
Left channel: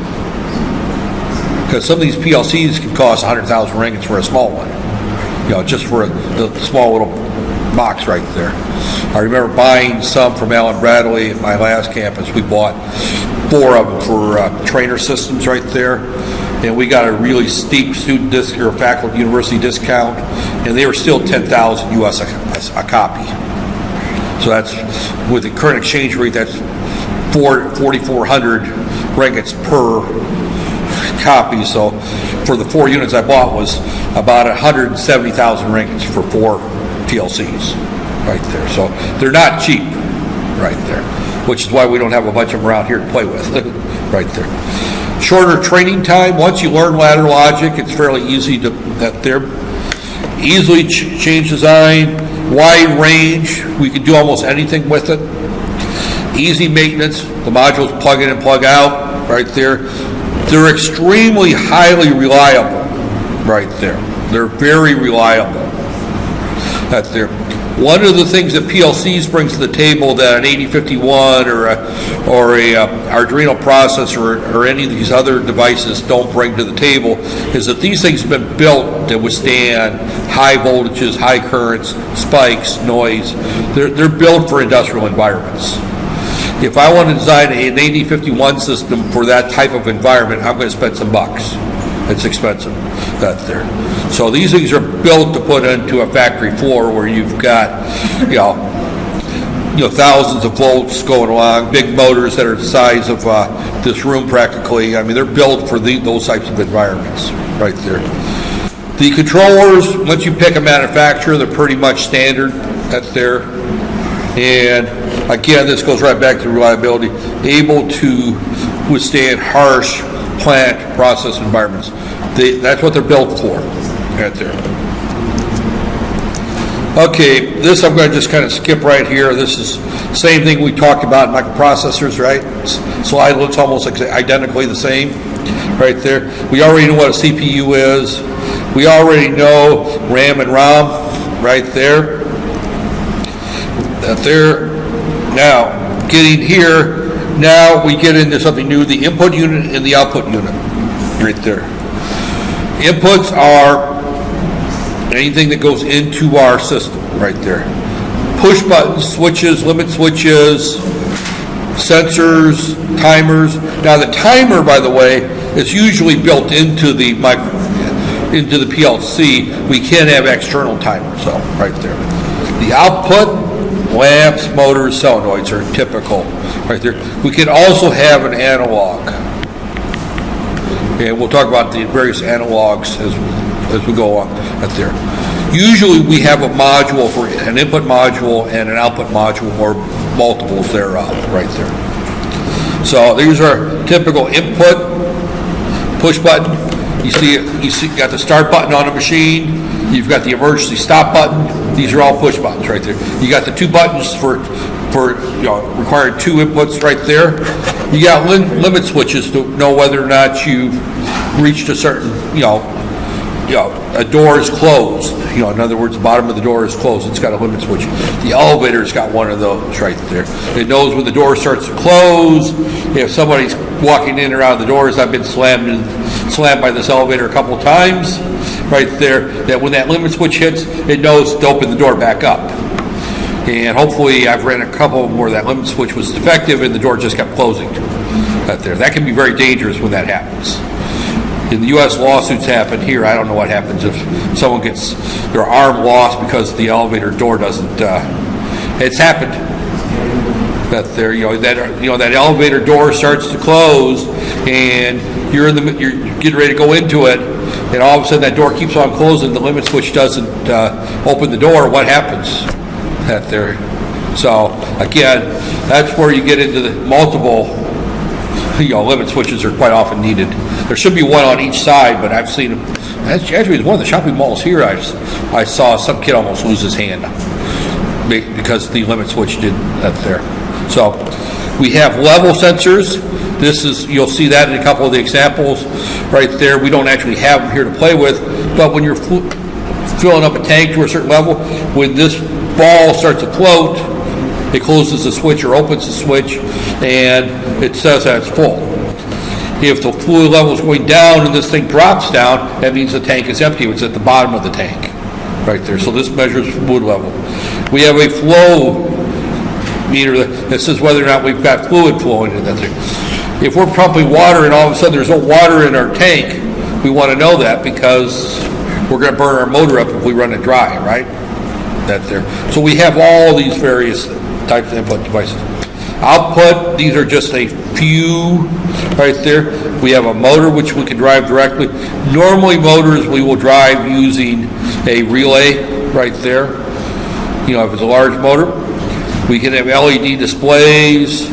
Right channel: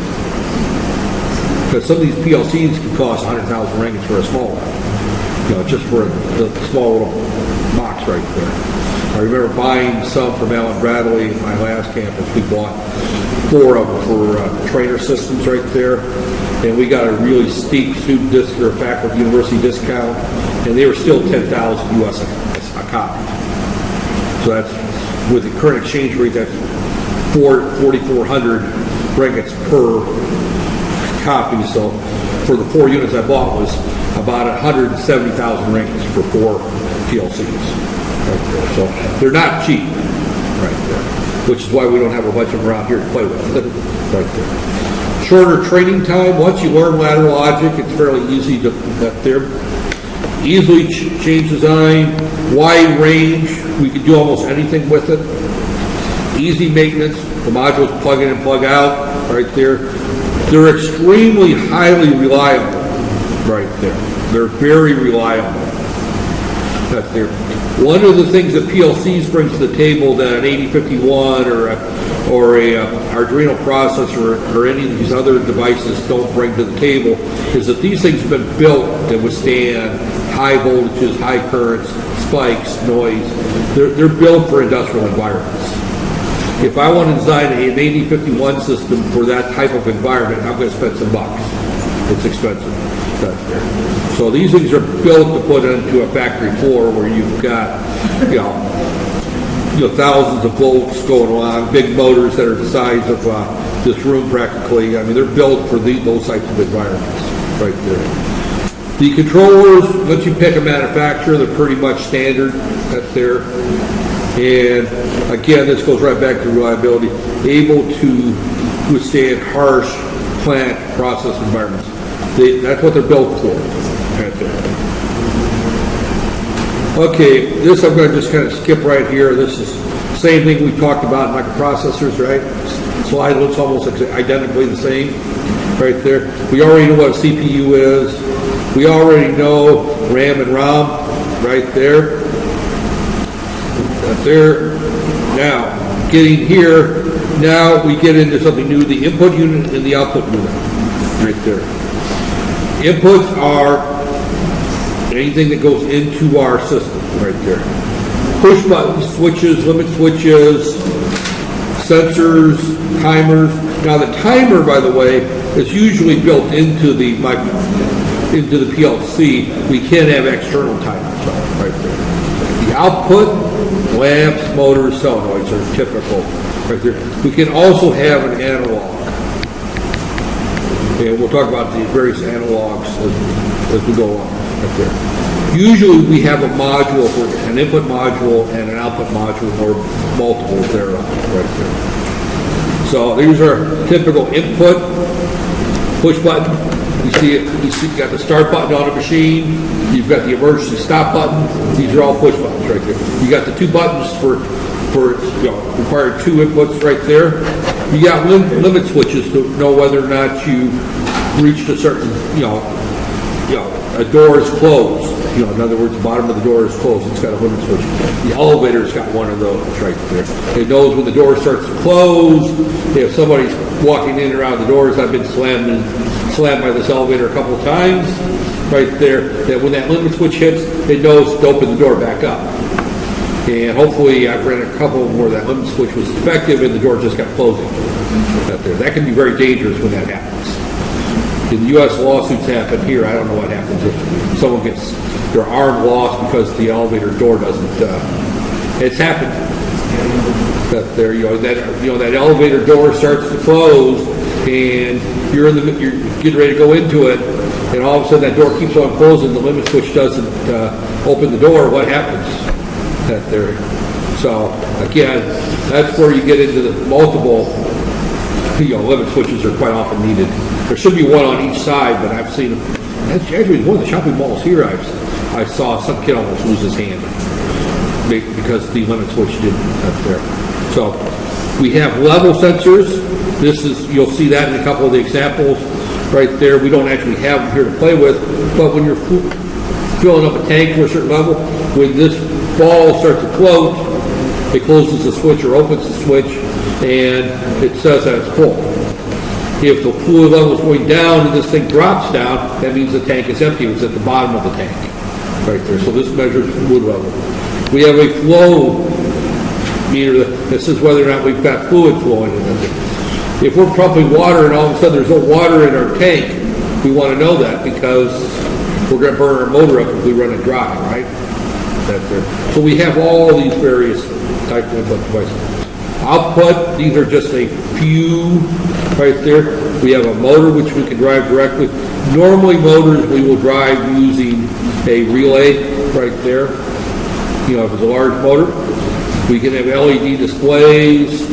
because some of these PLCs can cost 100,000 ringgits for a small one. Just for the small little box right there. I remember buying some from Allen Bradley at my last campus. We bought 4 of them for trainer systems right there, and we got a really steep student or faculty university discount, and they were still 10,000 US a copy. So that's, with the current exchange rate, that's 4,400 ringgits per copy. So for the 4 units I bought was about 170,000 ringgits for 4 PLCs right there. So they're not cheap right there, which is why we don't have a bunch of them around here to play with right there. Shorter training time. Once you learn ladder logic, it's fairly easy to get there. Easily change design, wide range, we can do almost anything with it. Easy maintenance, the modules plug in and plug out, right there. They're extremely highly reliable, right there. They're very reliable. That's there. One of the things that PLCs brings to the table that an 8051 or a Arduino processor or any of these other devices don't bring to the table is that these things have been built to withstand high voltages, high currents, spikes, noise. They're built for industrial environments. If I want to design an 8051 system for that type of environment, I'm going to spend some bucks. It's expensive. That's there. So these things are built to put into a factory floor where you've got, thousands of volts going along, big motors that are the size of this room practically. I mean, they're built for those types of environments right there. The controllers, once you pick a manufacturer, they're pretty much standard. That's there. And again, this goes right back to reliability, able to withstand harsh plant process environments. That's what they're built for, right there. Okay, this I'm going to just kind of skip right here. This is the same thing we talked about in microprocessors, right? Slide looks almost identically the same, right there. We already know what a CPU is. We already know RAM and ROM, right there. Now, getting here, now we get into something new, the input unit and the output unit, right there. Inputs are anything that goes into our system, right there. Push buttons, switches, limit switches, sensors, timers. Now the timer, by the way, is usually built into the PLC. We can have external timers, so right there. The output, lamps, motors, solenoids are typical, right there. We can also have an analog. And we'll talk about the various analogs as we go on right there. Usually we have a module for an input module and an output module or multiples thereof right there. So these are typical input, push button. You see got the start button on a machine. You've got the emergency stop button. These are all push buttons right there. You got the two buttons for required two inputs right there. You got limit switches to know whether or not you reached a certain, a door is closed. In other words, the bottom of the door is closed. It's got a limit switch. The elevator's got one of those right there. It knows when the door starts to close. If somebody's walking in or out of the doors, I've been slammed by this elevator a couple of times right there, that when that limit switch hits, it knows to open the door back up. And hopefully I've ran a couple of them where that limit switch was defective and the door just kept closing right there. That can be very dangerous when that happens. In the U.S., lawsuits happen. Here, I don't know what happens if someone gets their arm lost because the elevator door doesn't. It's happened. That that elevator door starts to close, and you're getting ready to go into it, and all of a sudden that door keeps on closing. The limit switch doesn't open the door. What happens? That there. So again, that's where you get into the multiple. Limit switches are quite often needed. There should be one on each side, but I've seen them. Actually, one of the shopping malls here, I saw some kid almost lose his hand because the limit switch did that there. So we have level sensors. You'll see that in a couple of the examples right there. We don't actually have them here to play with, but when you're filling up a tank to a certain level, when this ball starts to float, it closes the switch or opens the switch, and it says that it's full. If the fluid level is going down and this thing drops down, that means the tank is empty. It's at the bottom of the tank, right there. So this measures fluid level. We have a flow meter that says whether or not we've got fluid flowing in that thing. If we're pumping water and all of a sudden there's no water in our tank, we want to know that because we're going to burn our motor up if we run it dry, right? That there. So we have all these various types of input devices. Output, these are just a few right there. We have a motor which we can drive directly. Normally motors we will drive using a relay right there. If it's a large motor. We can have LED displays.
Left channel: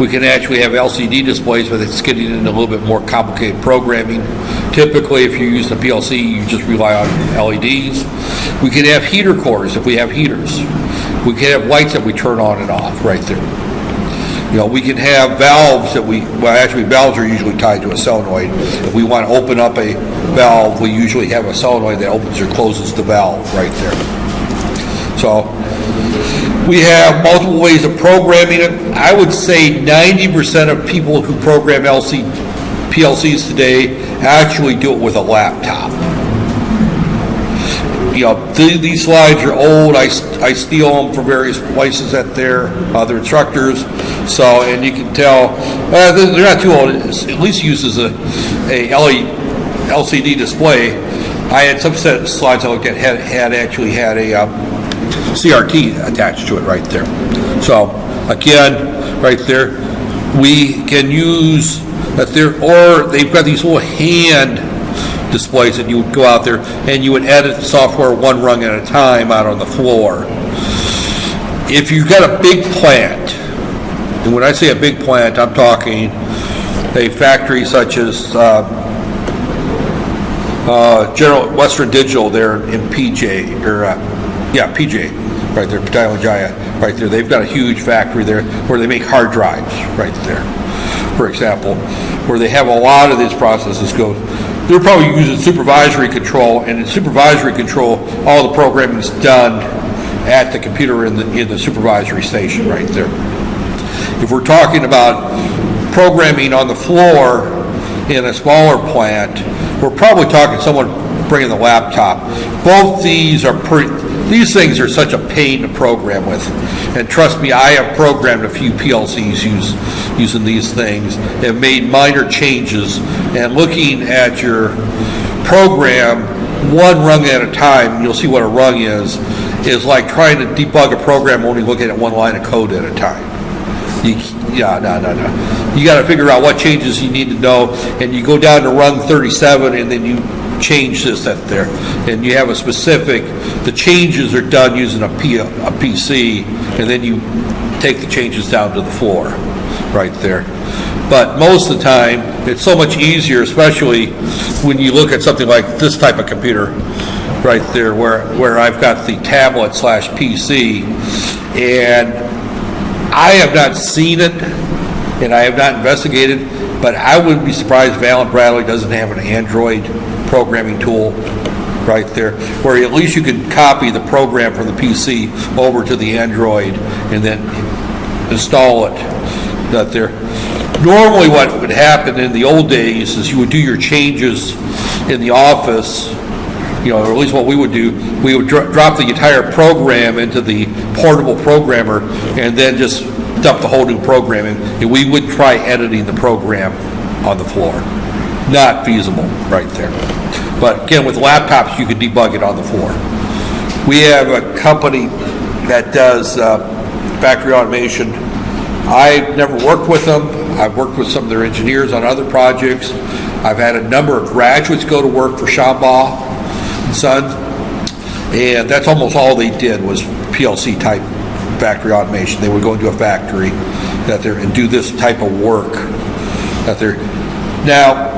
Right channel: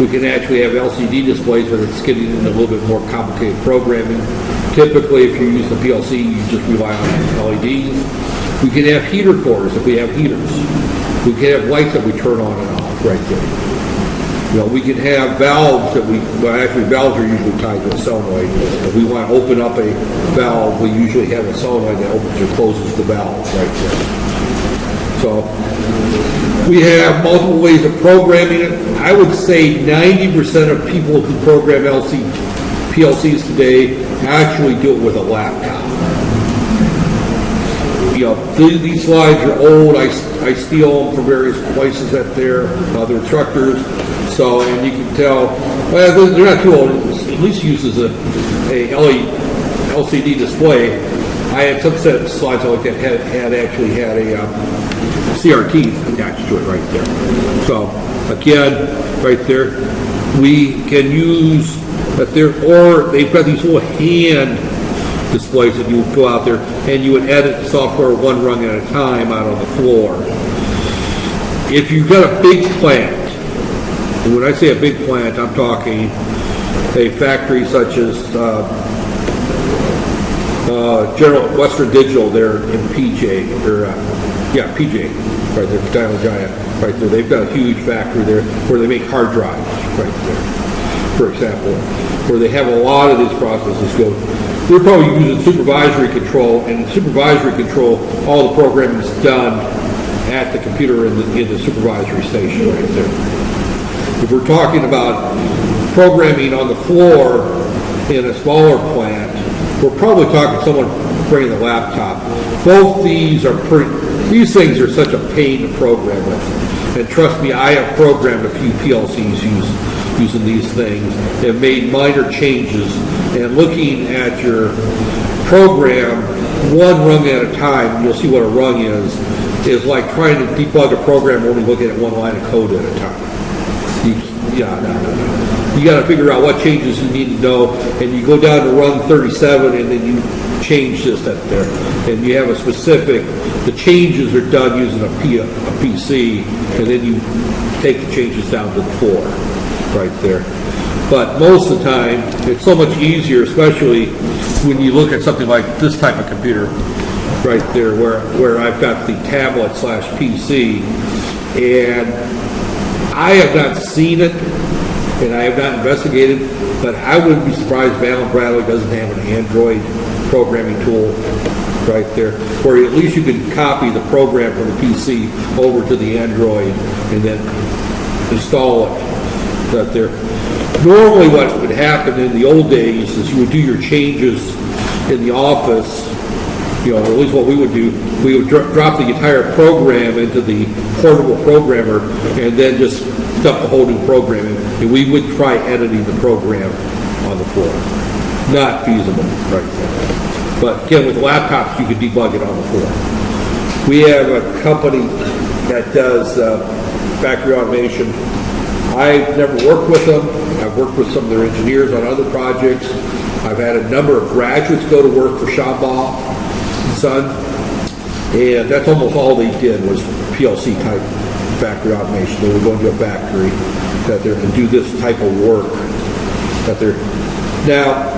We can actually have LCD displays, but it's getting into a little bit more complicated programming. Typically, if you use the PLC, you just rely on LEDs. We can have heater cores if we have heaters. We can have lights that we turn on and off right there. We can have valves that actually valves are usually tied to a solenoid. If we want to open up a valve, we usually have a solenoid that opens or closes the valve right there. So we have multiple ways of programming it. I would say 90% of people who program PLCs today actually do it with a laptop. These slides are old. I steal them from various places at their instructors. So, and you can tell they're not too old. It at least uses a LCD display. I had some set of slides I looked at had a CRT attached to it right there. So again, right there, we can use that there, or they've got these little hand displays that you would go out there and you would edit the software one rung at a time out on the floor. If you've got a big plant, and when I say a big plant, I'm talking a factory such as General Western Digital there in PJ, PJ, right there, Padilla Giant, right there. They've got a huge factory there where they make hard drives, right there, for example, where they have a lot of these processes go. They're probably using supervisory control, and in supervisory control, all the programming is done at the computer in the supervisory station right there. If we're talking about programming on the floor in a smaller plant, we're probably talking someone bringing the laptop. Both these things are such a pain to program with. And trust me, I have programmed a few PLCs using these things. Have made minor changes, and looking at your program one rung at a time, you'll see what a rung is like trying to debug a program only looking at one line of code at a time. No. You got to figure out what changes you need to know, and you go down to rung 37, and then you change this at there, and you have a specific. The changes are done using a PC, and then you take the changes down to the floor, right there. But most of the time, it's so much easier, especially when you look at something like this type of computer, right there, where I've got the tablet / PC, and I have not seen it, and I have not investigated, but I wouldn't be surprised if Allen Bradley doesn't have an Android programming tool right there, where at least you can copy the program from the PC over to the Android and then install it right there. Normally what would happen in the old days is you would do your changes in the office, or at least what we would do, we would drop the entire program into the portable programmer and then just dump the whole new program in, and we would try editing the program on the floor. Not feasible right there. But again, with laptops, you can debug it on the floor. We have a company that does factory automation. I've never worked with them. I've worked with some of their engineers on other projects. I've had a number of graduates go to work for Shambaugh & Son, and that's almost all they did was PLC type factory automation. They would go into a factory and do this type of work Now,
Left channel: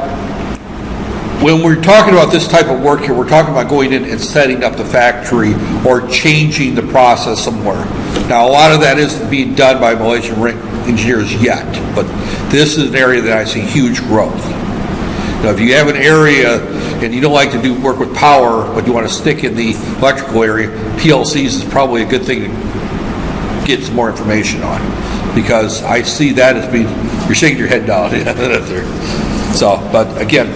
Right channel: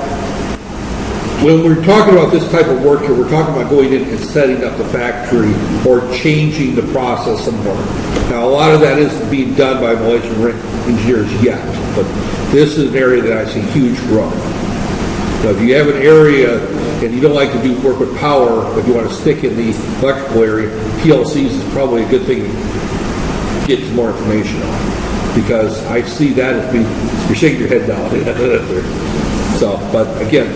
when we're talking about this type of work here, we're talking about going in and setting up the factory or changing the process somewhere. Now, a lot of that isn't being done by Malaysian engineers yet, but this is an area that I see huge growth. Now, if you have an area and you don't like to do work with power, but you want to stick in the electrical area, PLCs is probably a good thing to get some more information on, because I see that as being, you're shaking your head down. So, but again,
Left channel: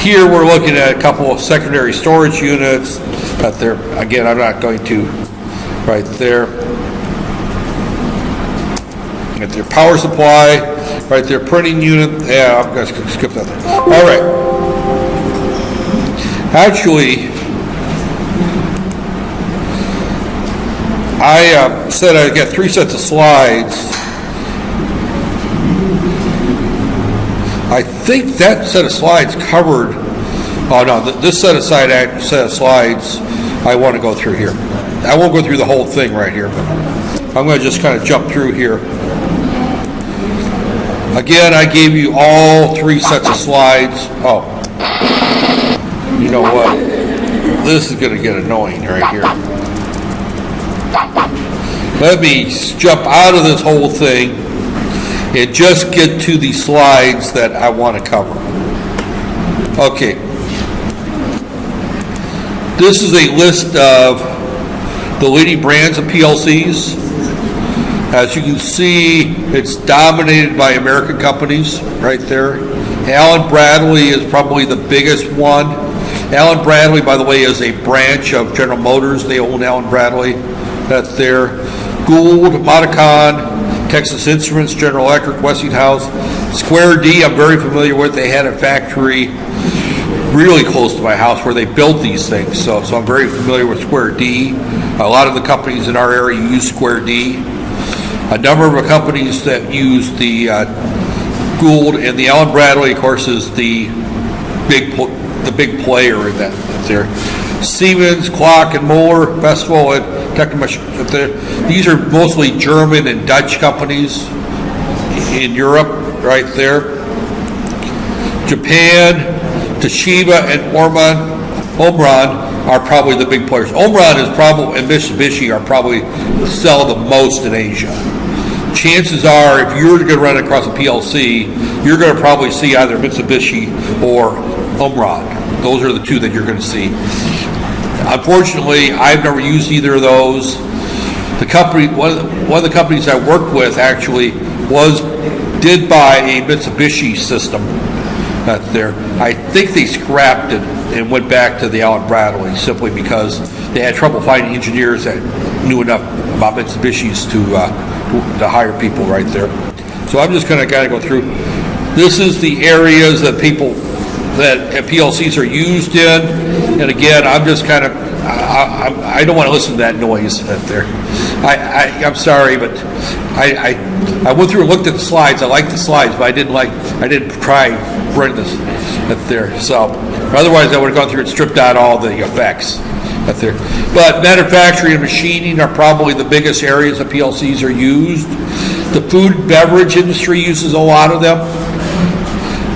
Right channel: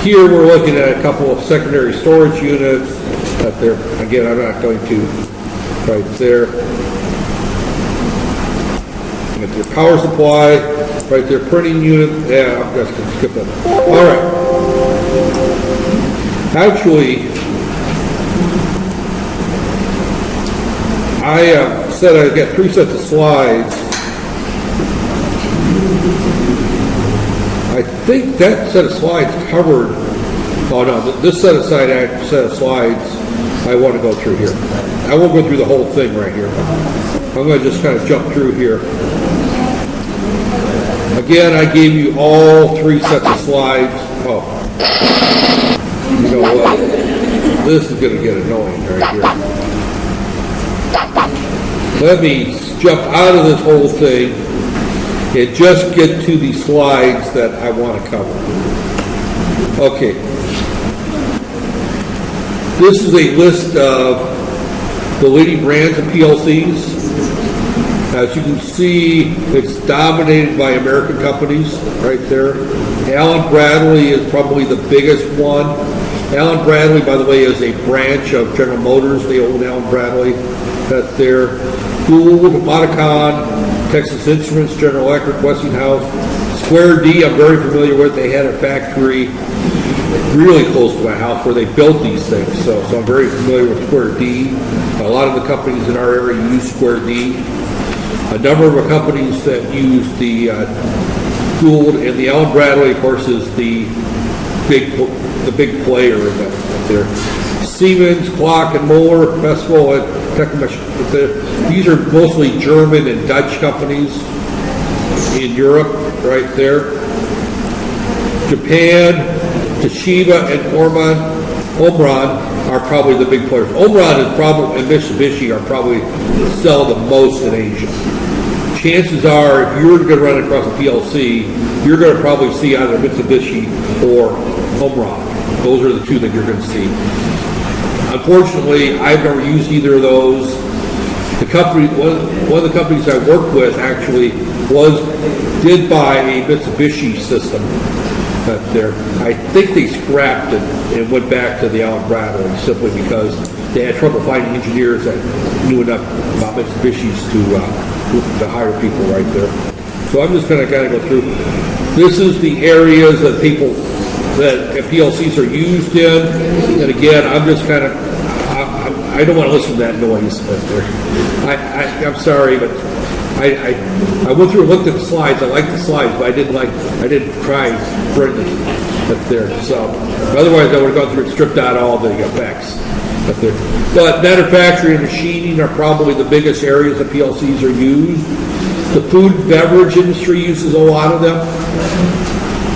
here we're looking at a couple of secondary storage units out there. Again, I'm not going to, right there. Get their power supply, right there, printing unit. Yeah, I'm going to skip that. All right. Actually, I said I got 3 sets of slides. I think that set of slides covered. Oh no, this set of slides I want to go through here. I won't go through the whole thing right here. I'm going to just kind of jump through here. Again, I gave you all 3 sets of slides. Oh, you know what? this is going to get annoying right here. Let me jump out of this whole thing and just get to the slides that I want to cover. Okay. This is a list of the leading brands of PLCs. As you can see, it's dominated by American companies right there. Allen Bradley is probably the biggest one. Allen Bradley, by the way, is a branch of General Motors. They own Allen Bradley. That's there. Gould, Modicon, Texas Instruments, General Electric, Westinghouse. Square D, I'm very familiar with. They had a factory really close to my house where they built these things. So I'm very familiar with Square D. A lot of the companies in our area use Square D. A number of companies that use the Gould, and the Allen Bradley, of course, is the big player in that there. Siemens, Clock and Moore, Festival, and Technomach. These are mostly German and Dutch companies in Europe, right there. Japan, Toshiba, and Omron are probably the big players. Omron is probably, and Mitsubishi are probably sell the most in Asia. Chances are, if you're going to run across a PLC, you're going to probably see either Mitsubishi or Omron. Those are the two that you're going to see. Unfortunately, I've never used either of those. The company, one of the companies I worked with actually did buy a Mitsubishi system. There, I think they scrapped it and went back to the Allen Bradley simply because they had trouble finding engineers that knew enough about Mitsubishis to hire people right there. So I'm just going to kind of go through. This is the areas that PLCs are used in, and again, I'm just kind of I don't want to listen to that noise right there. I'm sorry, but I went through and looked at the slides. I liked the slides, but I didn't try bring this up there. So otherwise, I would have gone through and stripped out all the effects up there. But manufacturing and machining are probably the biggest areas that PLCs are used. The food and beverage industry uses a lot of them.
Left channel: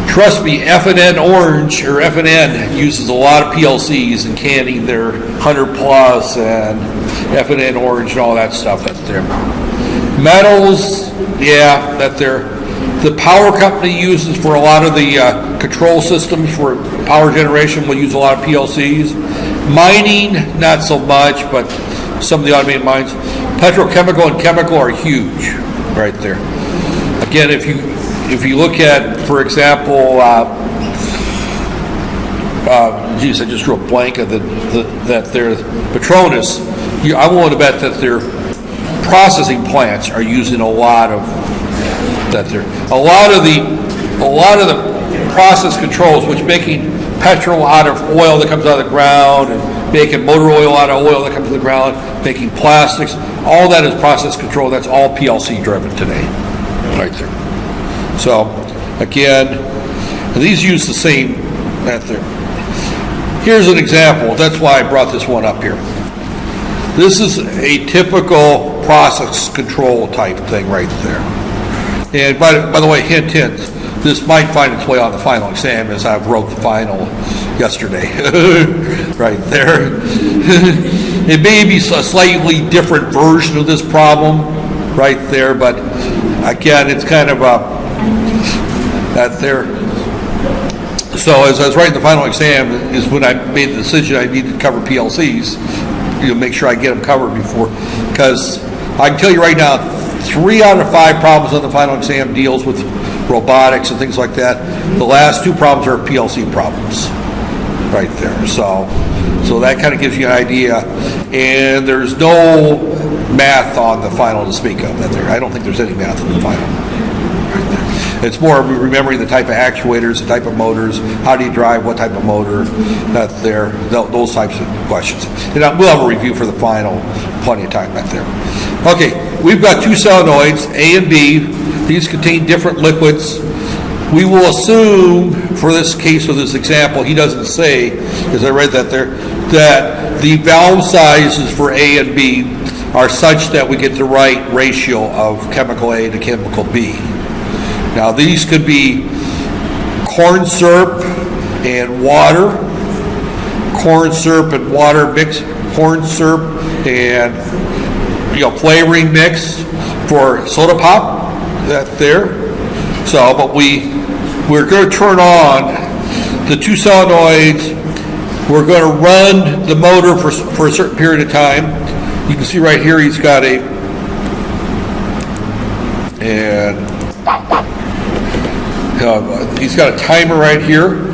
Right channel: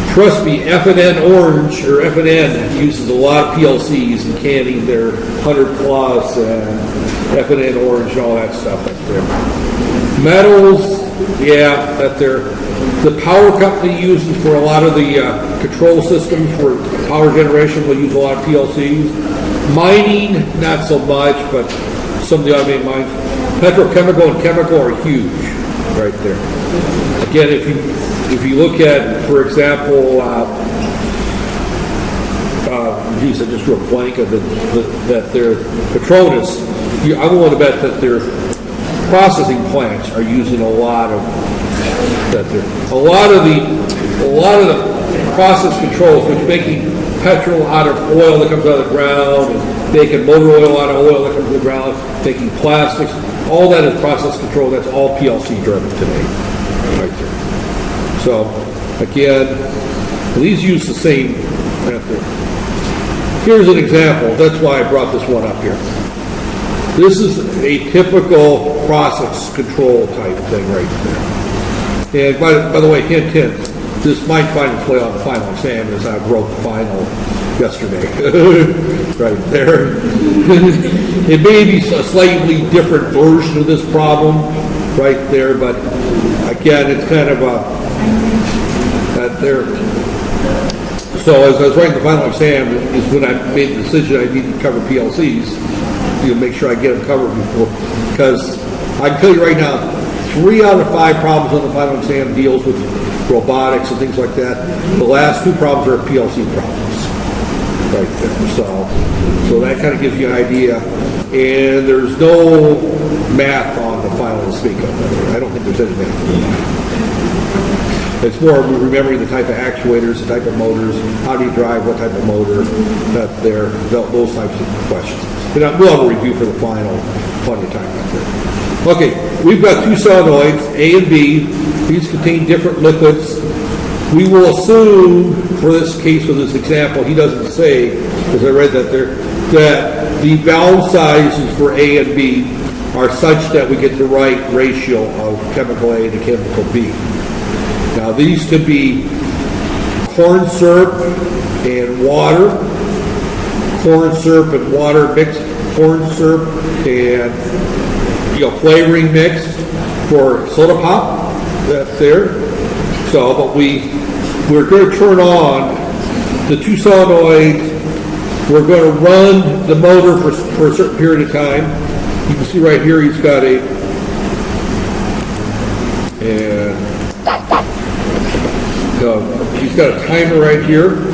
Trust me, F&N Orange or F&N uses a lot of PLCs in canning their 100 plus and F&N Orange and all that stuff that's there. Metals, yeah, that there. The power company uses for a lot of the control systems for power generation will use a lot of PLCs. Mining, not so much, but some of the automated mines. Petrochemical and chemical are huge right there. Again, if you look at, for example, I just drew a blank of that their Petronas. I'm willing to bet that their processing plants are using a lot of that. A lot of the process controls, which making petrol out of oil that comes out of the ground, and making motor oil out of oil that comes to the ground, making plastics, all that is process control. That's all PLC driven today, right there. So, again, these use the same method. Here's an example. That's why I brought this one up here. This is a typical process control type thing right there. And by the way, hint, this might find its way on the final exam as I wrote the final yesterday. Right there. It may be a slightly different version of this problem right there, but again, it's kind of that there. So as I was writing the final exam is when I made the decision I needed to cover PLCs, make sure I get them covered before, because I can tell you right now, 3 out of 5 problems on the final exam deals with robotics and things like that. The last 2 problems are PLC problems right there. So that kind of gives you an idea. And there's no math on the final to speak of. I don't think there's any math on the final. It's more remembering the type of actuators, the type of motors, how do you drive, what type of motor, those types of questions. And we'll have a review for the final, plenty of time back there. Okay, we've got 2 solenoids, A and B. These contain different liquids. We will assume, for this case, for this example, he doesn't say, as I read that there, that the valve sizes for A and B are such that we get the right ratio of chemical A to chemical B. Now, these could be corn syrup and water, corn syrup and water mix, corn syrup and flavoring mix for soda pop. That there. So, but we're going to turn on the two solenoids. We're going to run the motor for a certain period of time. You can see right here he's got he's got a timer right here.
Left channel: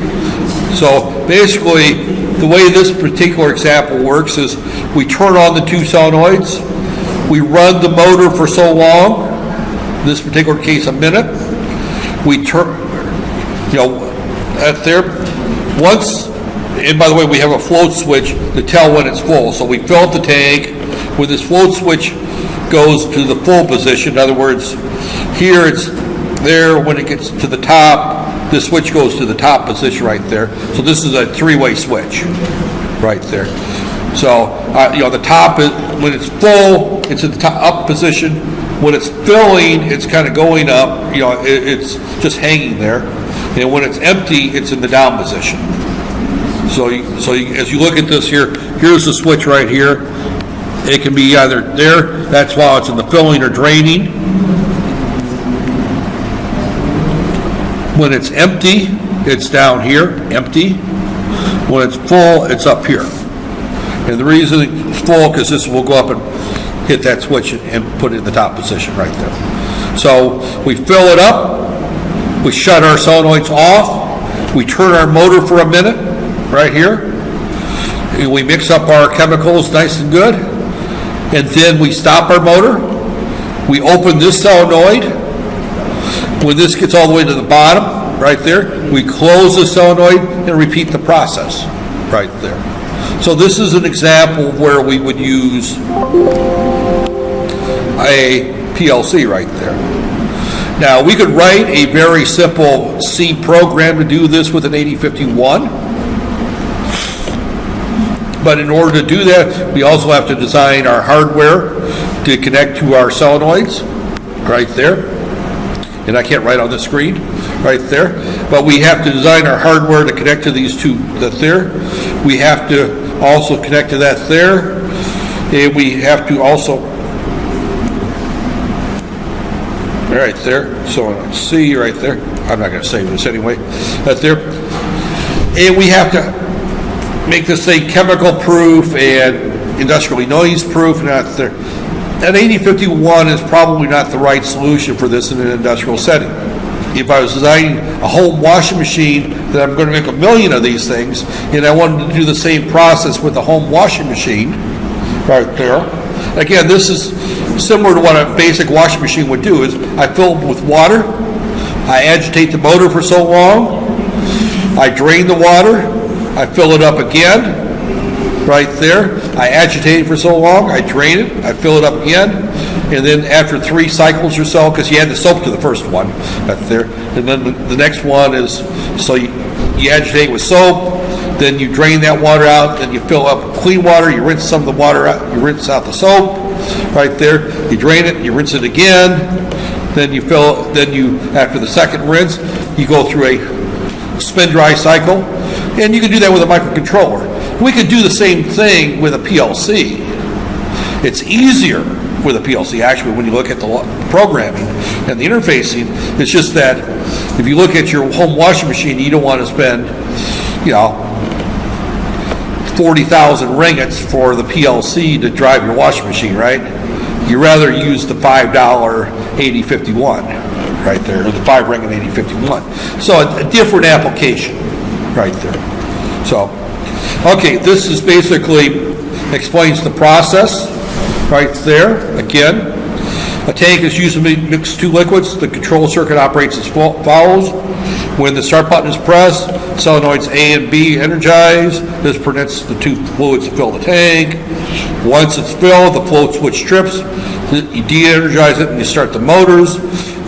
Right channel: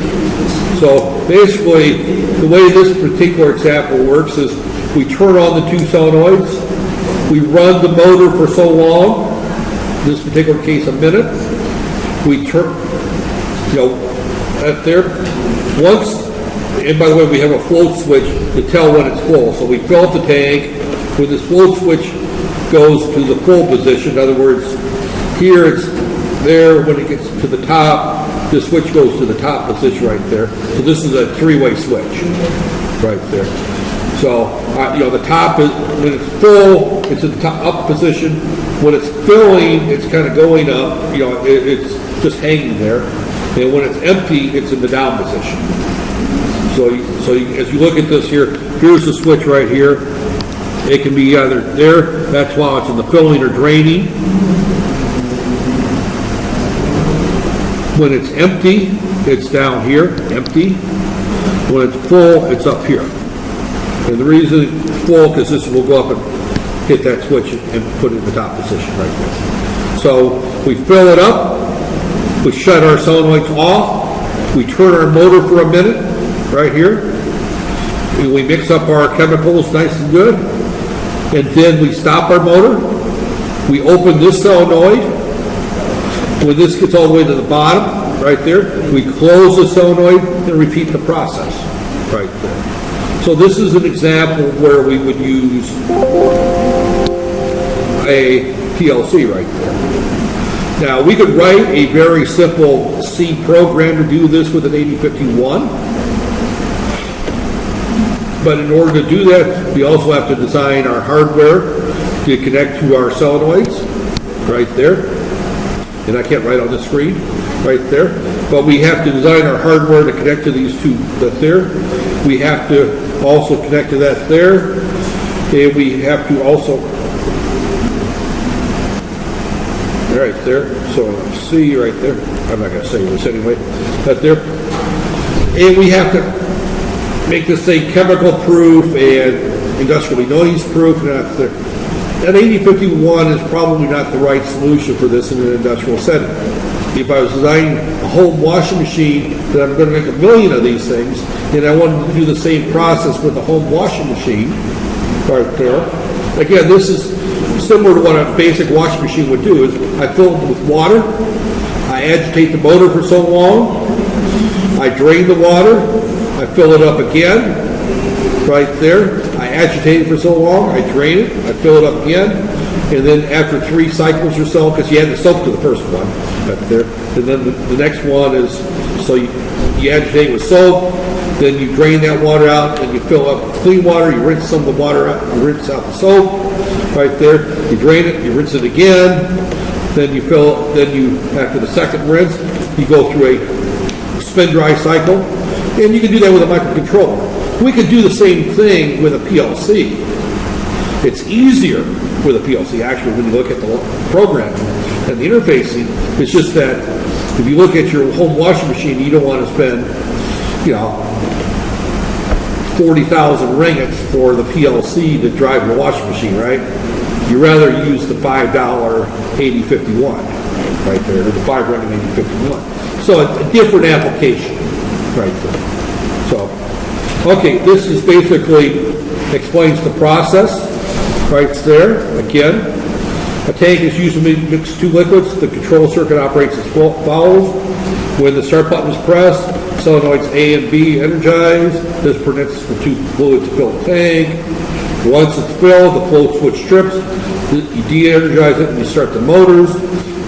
So basically, the way this particular example works is we turn on the two solenoids. We run the motor for so long, in this particular case a minute. We turn, at there. Once, and by the way, we have a float switch to tell when it's full. So we fill up the tank. When this float switch goes to the full position, in other words, here it's there. When it gets to the top, the switch goes to the top position right there. So this is a three-way switch right there. So, the top is, when it's full, it's at the top up position. When it's filling, it's kind of going up, it's just hanging there. And when it's empty, it's in the down position. So as you look at this here, here's the switch right here. It can be either there, that's while it's in the filling or draining. When it's empty, it's down here, empty. When it's full, it's up here. And the reason it's full, because this will go up and hit that switch and put it in the top position right there. So we fill it up, we shut our solenoids off, we turn our motor for a minute right here, and we mix up our chemicals nice and good, and then we stop our motor, we open this solenoid. When this gets all the way to the bottom right there, we close the solenoid and repeat the process right there. So this is an example where we would use a PLC right there. Now, we could write a very simple C program to do this with an 8051. But in order to do that, we also have to design our hardware to connect to our solenoids right there. And I can't write on the screen right there. But we have to design our hardware to connect to these two that there. We have to also connect to that there. And we have to also right there. So C right there. I'm not going to say this anyway. Right there. And we have to make this thing chemical proof and industrially noise proof. Not there. An 8051 is probably not the right solution for this in an industrial setting. If I was designing a home washing machine, then I'm going to make 1 million of these things, and I wanted to do the same process with the home washing machine right there. Again, this is similar to what a basic washing machine would do. Is I fill it with water, I agitate the motor for so long, I drain the water, I fill it up again, right there. I agitate it for so long, I drain it, I fill it up again, and then after 3 cycles or so, because you add the soap to the first one, right there, and then the next one is, so you agitate with soap, then you drain that water out, then you fill up clean water, you rinse some of the water out, you rinse out the soap, right there, you drain it, you rinse it again, then you fill, then you, after the second rinse, you go through a spin dry cycle, and you can do that with a microcontroller. We could do the same thing with a PLC. It's easier with a PLC, actually, when you look at the programming and the interfacing. It's just that if you look at your home washing machine, you don't want to spend, 40,000 ringgits for the PLC to drive your washing machine, right? You rather use the $5 8051 right there, or the 5 ringgit 8051. So a different application right there. So, okay, this is basically explains the process right there. Again, a tank is used to mix 2 liquids. The control circuit operates as follows. When the start button is pressed, solenoids A and B energize. This permits the 2 fluids to fill the tank. Once it's filled, the float switch trips. You de-energize it and you start the motors.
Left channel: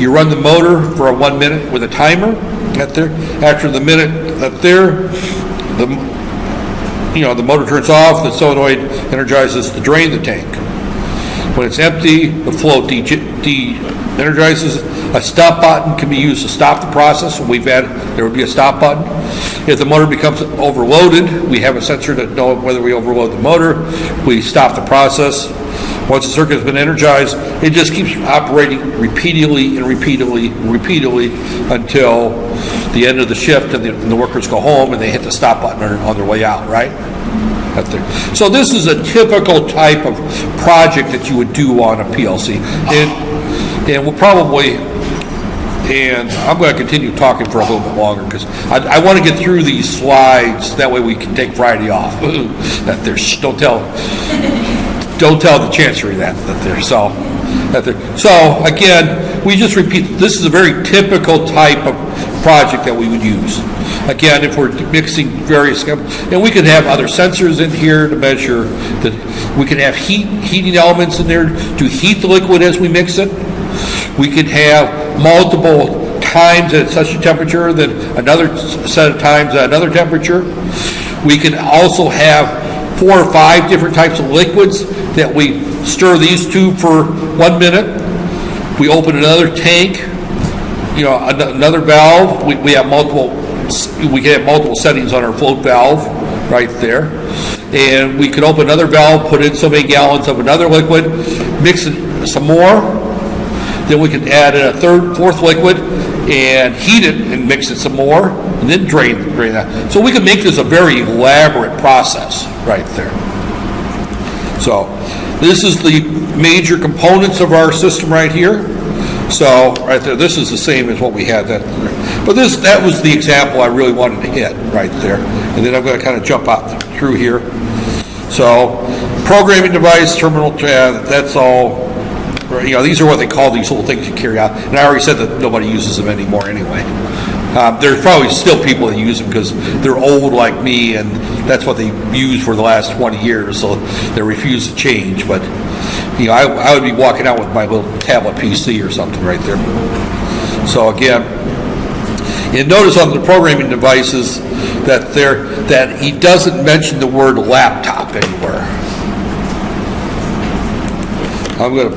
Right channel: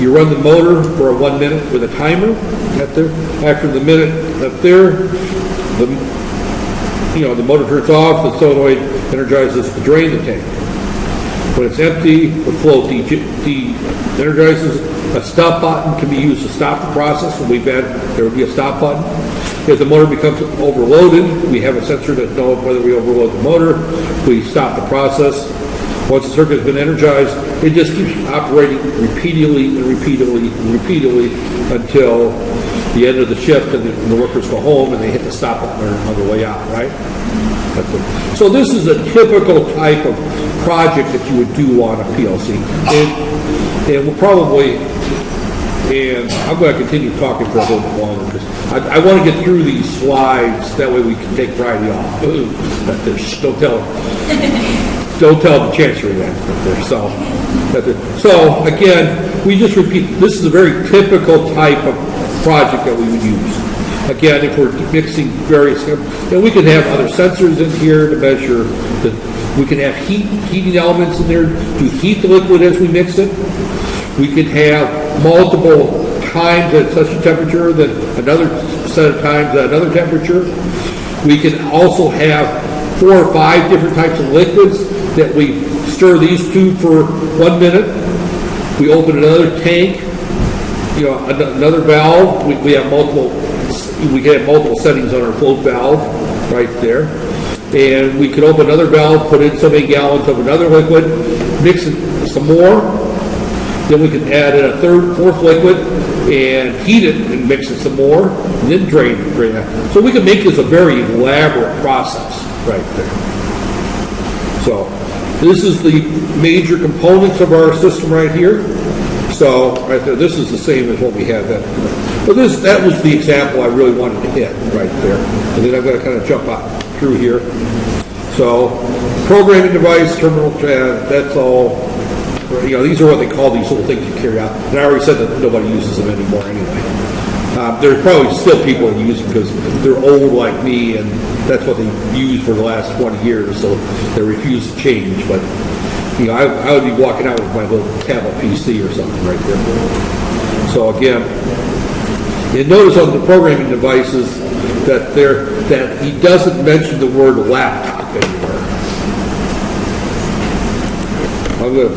You run the motor for 1 minute with a timer right there. After the minute up there, the motor turns off. The solenoid energizes to drain the tank. When it's empty, the flow de-energizes. A stop button can be used to stop the process. There would be a stop button. If the motor becomes overloaded, we have a sensor to know whether we overload the motor. We stop the process. Once the circuit has been energized, it just keeps operating repeatedly and repeatedly and repeatedly until the end of the shift, and the workers go home and they hit the stop button on their way out, right? So this is a typical type of project that you would do on a PLC. And we'll probably, and I'm going to continue talking for a little bit longer because I want to get through these slides. That way we can take Friday off. Don't tell the Chancery that they're so. So again, we just repeat. This is a very typical type of project that we would use. Again, if we're mixing various, and we could have other sensors in here to measure that. We can have heating elements in there to heat the liquid as we mix it. We could have multiple times at such a temperature, then another set of times at another temperature. We can also have 4 or 5 different types of liquids that we stir these two for 1 minute. We open another tank, another valve. We have multiple. We can have multiple settings on our float valve right there. And we could open another valve, put in so many gallons of another liquid, mix it some more. Then we can add in a fourth liquid and heat it and mix it some more, and then drain that. So we can make this a very elaborate process right there. So this is the major components of our system right here. So right there, this is the same as what we had then. But that was the example I really wanted to hit right there. And then I'm going to kind of jump out through here. So programming device, terminal, that's all. These are what they call these little things you carry out. And I already said that nobody uses them anymore anyway. There's probably still people that use them because they're old like me, and that's what they use for the last 20 years, so they refuse to change. But I would be walking out with my little tablet PC or something right there. So again, and notice on the programming devices that he doesn't mention the word laptop anywhere. I'm going to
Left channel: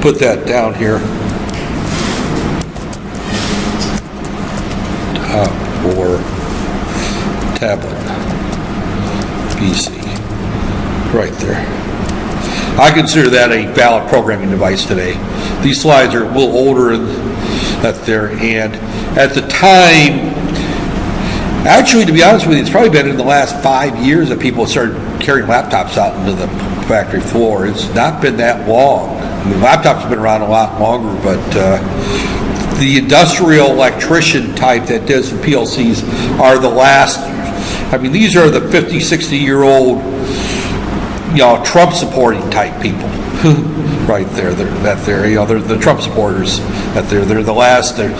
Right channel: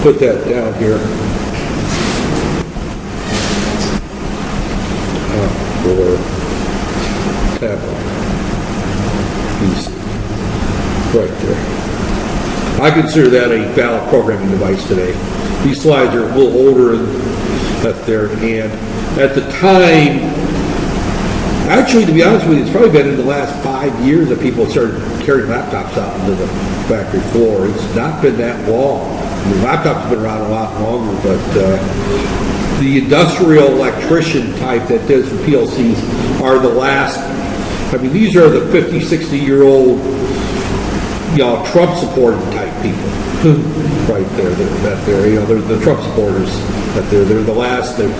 put that down here. Or tablet PC right there. I consider that a valid programming device today. These slides are a little older and at the time, actually, to be honest with you, it's probably been in the last 5 years that people started carrying laptops out into the factory floor. It's not been that long. I mean, laptops have been around a lot longer, but the industrial electrician type that does the PLCs are the last. I mean, these are the 50, 60-year-old, Trump supporting type people, right there. They're the Trump supporters. They're the last to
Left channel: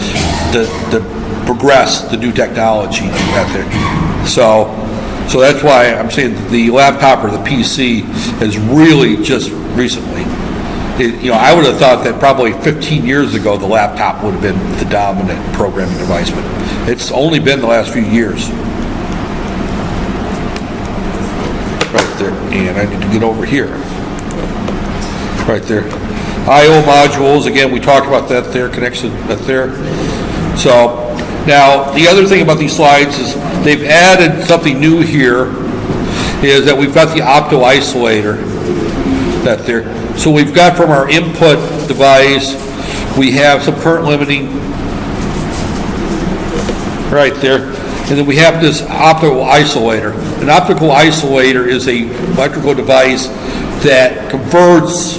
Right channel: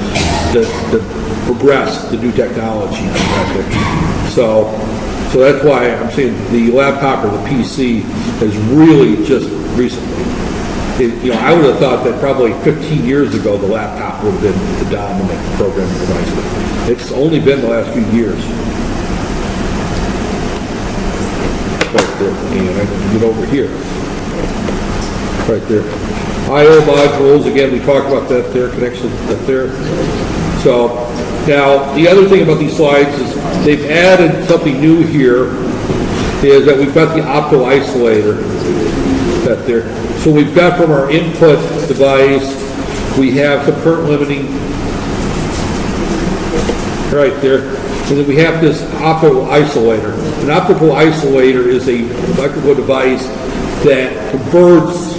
progress the new technology. So that's why I'm saying the laptop or the PC has really just recently. I would have thought that probably 15 years ago the laptop would have been the dominant programming device, but it's only been the last few years. Right there, and I need to get over here. Right there. I/O modules, again, we talked about that there, connection right there. So, now, the other thing about these slides is they've added something new here, is that we've got the opto isolator that there. So we've got from our input device, we have some current limiting right there. And then we have this optical isolator. An optical isolator is an electrical device that converts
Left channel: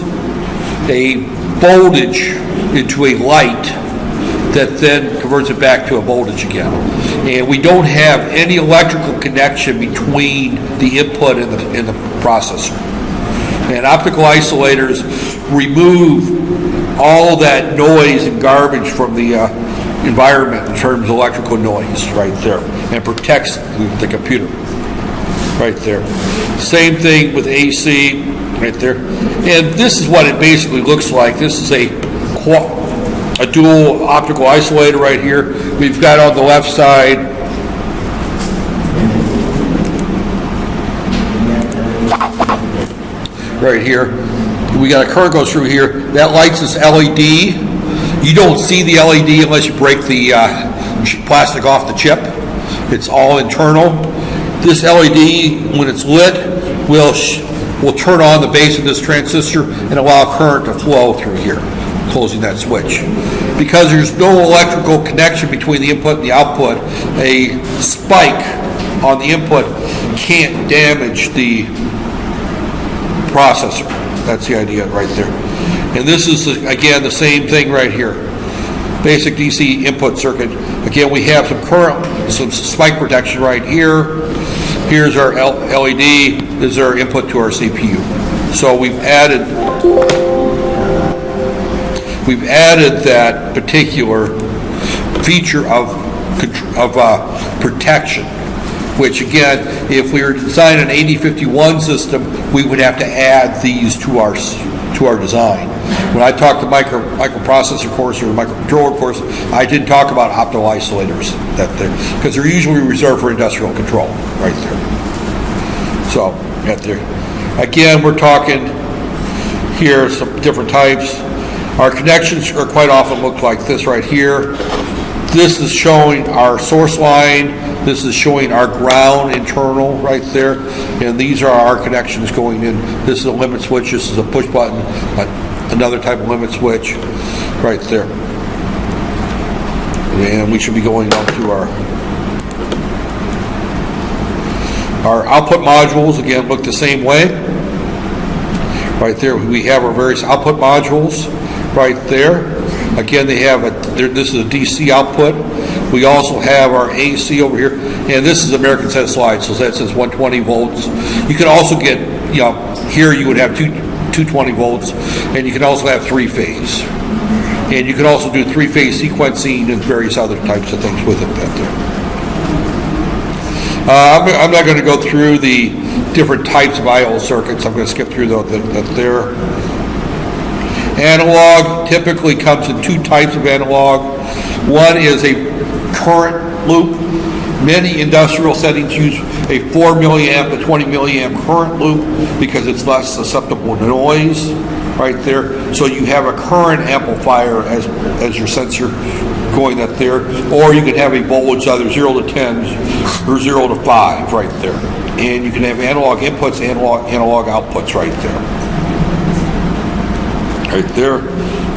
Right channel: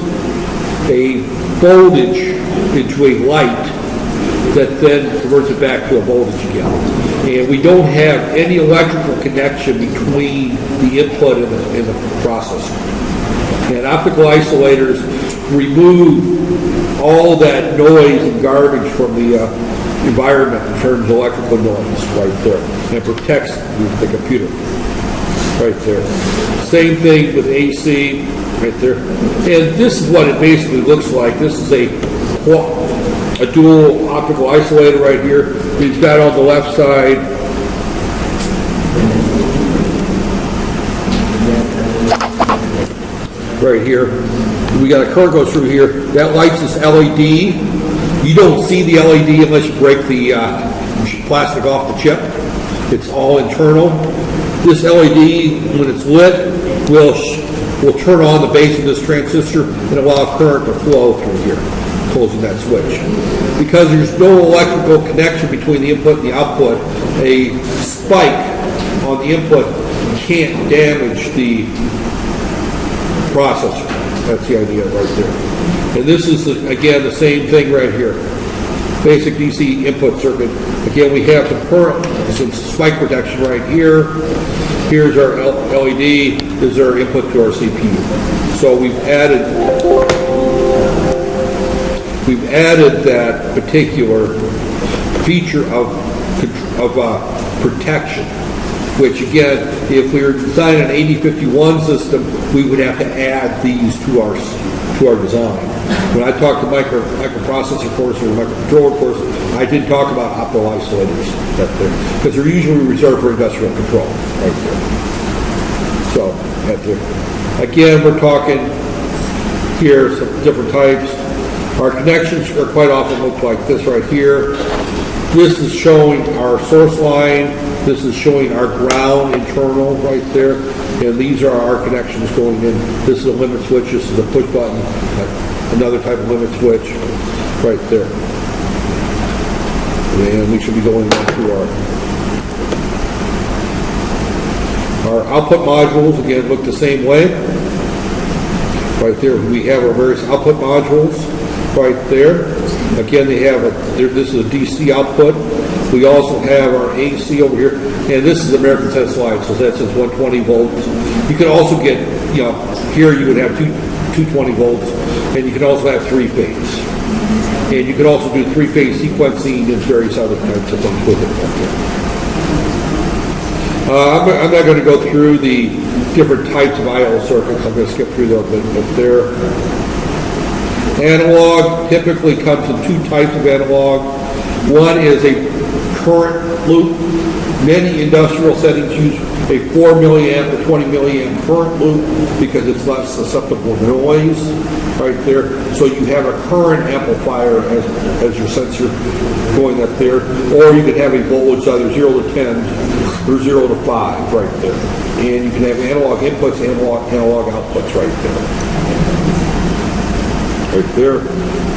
a voltage into a light that then converts it back to a voltage again. And we don't have any electrical connection between the input and the processor. And optical isolators remove all that noise and garbage from the environment in terms of electrical noise right there, and protects the computer right there. Same thing with AC right there. And this is what it basically looks like. This is a dual optical isolator right here. We've got on the left side right here, We got a current goes through here. That lights this LED. You don't see the LED unless you break the plastic off the chip. It's all internal. This LED, when it's lit, will turn on the base of this transistor and allow current to flow through here, closing that switch. Because there's no electrical connection between the input and the output, a spike on the input can't damage the processor. That's the idea right there. And this is, again, the same thing right here. Basic DC input circuit. Again, we have some current, some spike protection right here. Here's our LED. This is our input to our CPU. So we've added that particular feature of protection. Which again, if we were to design an 8051 system, we would have to add these to our design. When I talked the microprocessor course or the microcontroller course, I did talk about optical isolators because they're usually reserved for industrial control, right there. So, right there. Again, we're talking here some different types. Our connections are quite often look like this right here. This is showing our source line. This is showing our ground internal right there. And these are our connections going in. This is a limit switch. This is a push button. Another type of limit switch right there. And we should be going on to our output modules. Again, look the same way. Right there, we have our various output modules right there. Again, they have this is a DC output. We also have our AC over here, and this is American set slide, so that says 120 volts. You can also get, here you would have 220 volts, and you can also have three-phase. And you can also do three-phase sequencing and various other types of things with it. I'm not going to go through the different types of I/O circuits. I'm going to skip through those. There. Analog typically comes in two types of analog. One is a current loop. Many industrial settings use a 4 milliamp to 20 milliamp current loop because it's less susceptible to noise right there. So you have a current amplifier as your sensor going up there. Or you can have a voltage either 0 to 10 or 0 to 5 right there. And you can have analog inputs, analog outputs right there. Right there.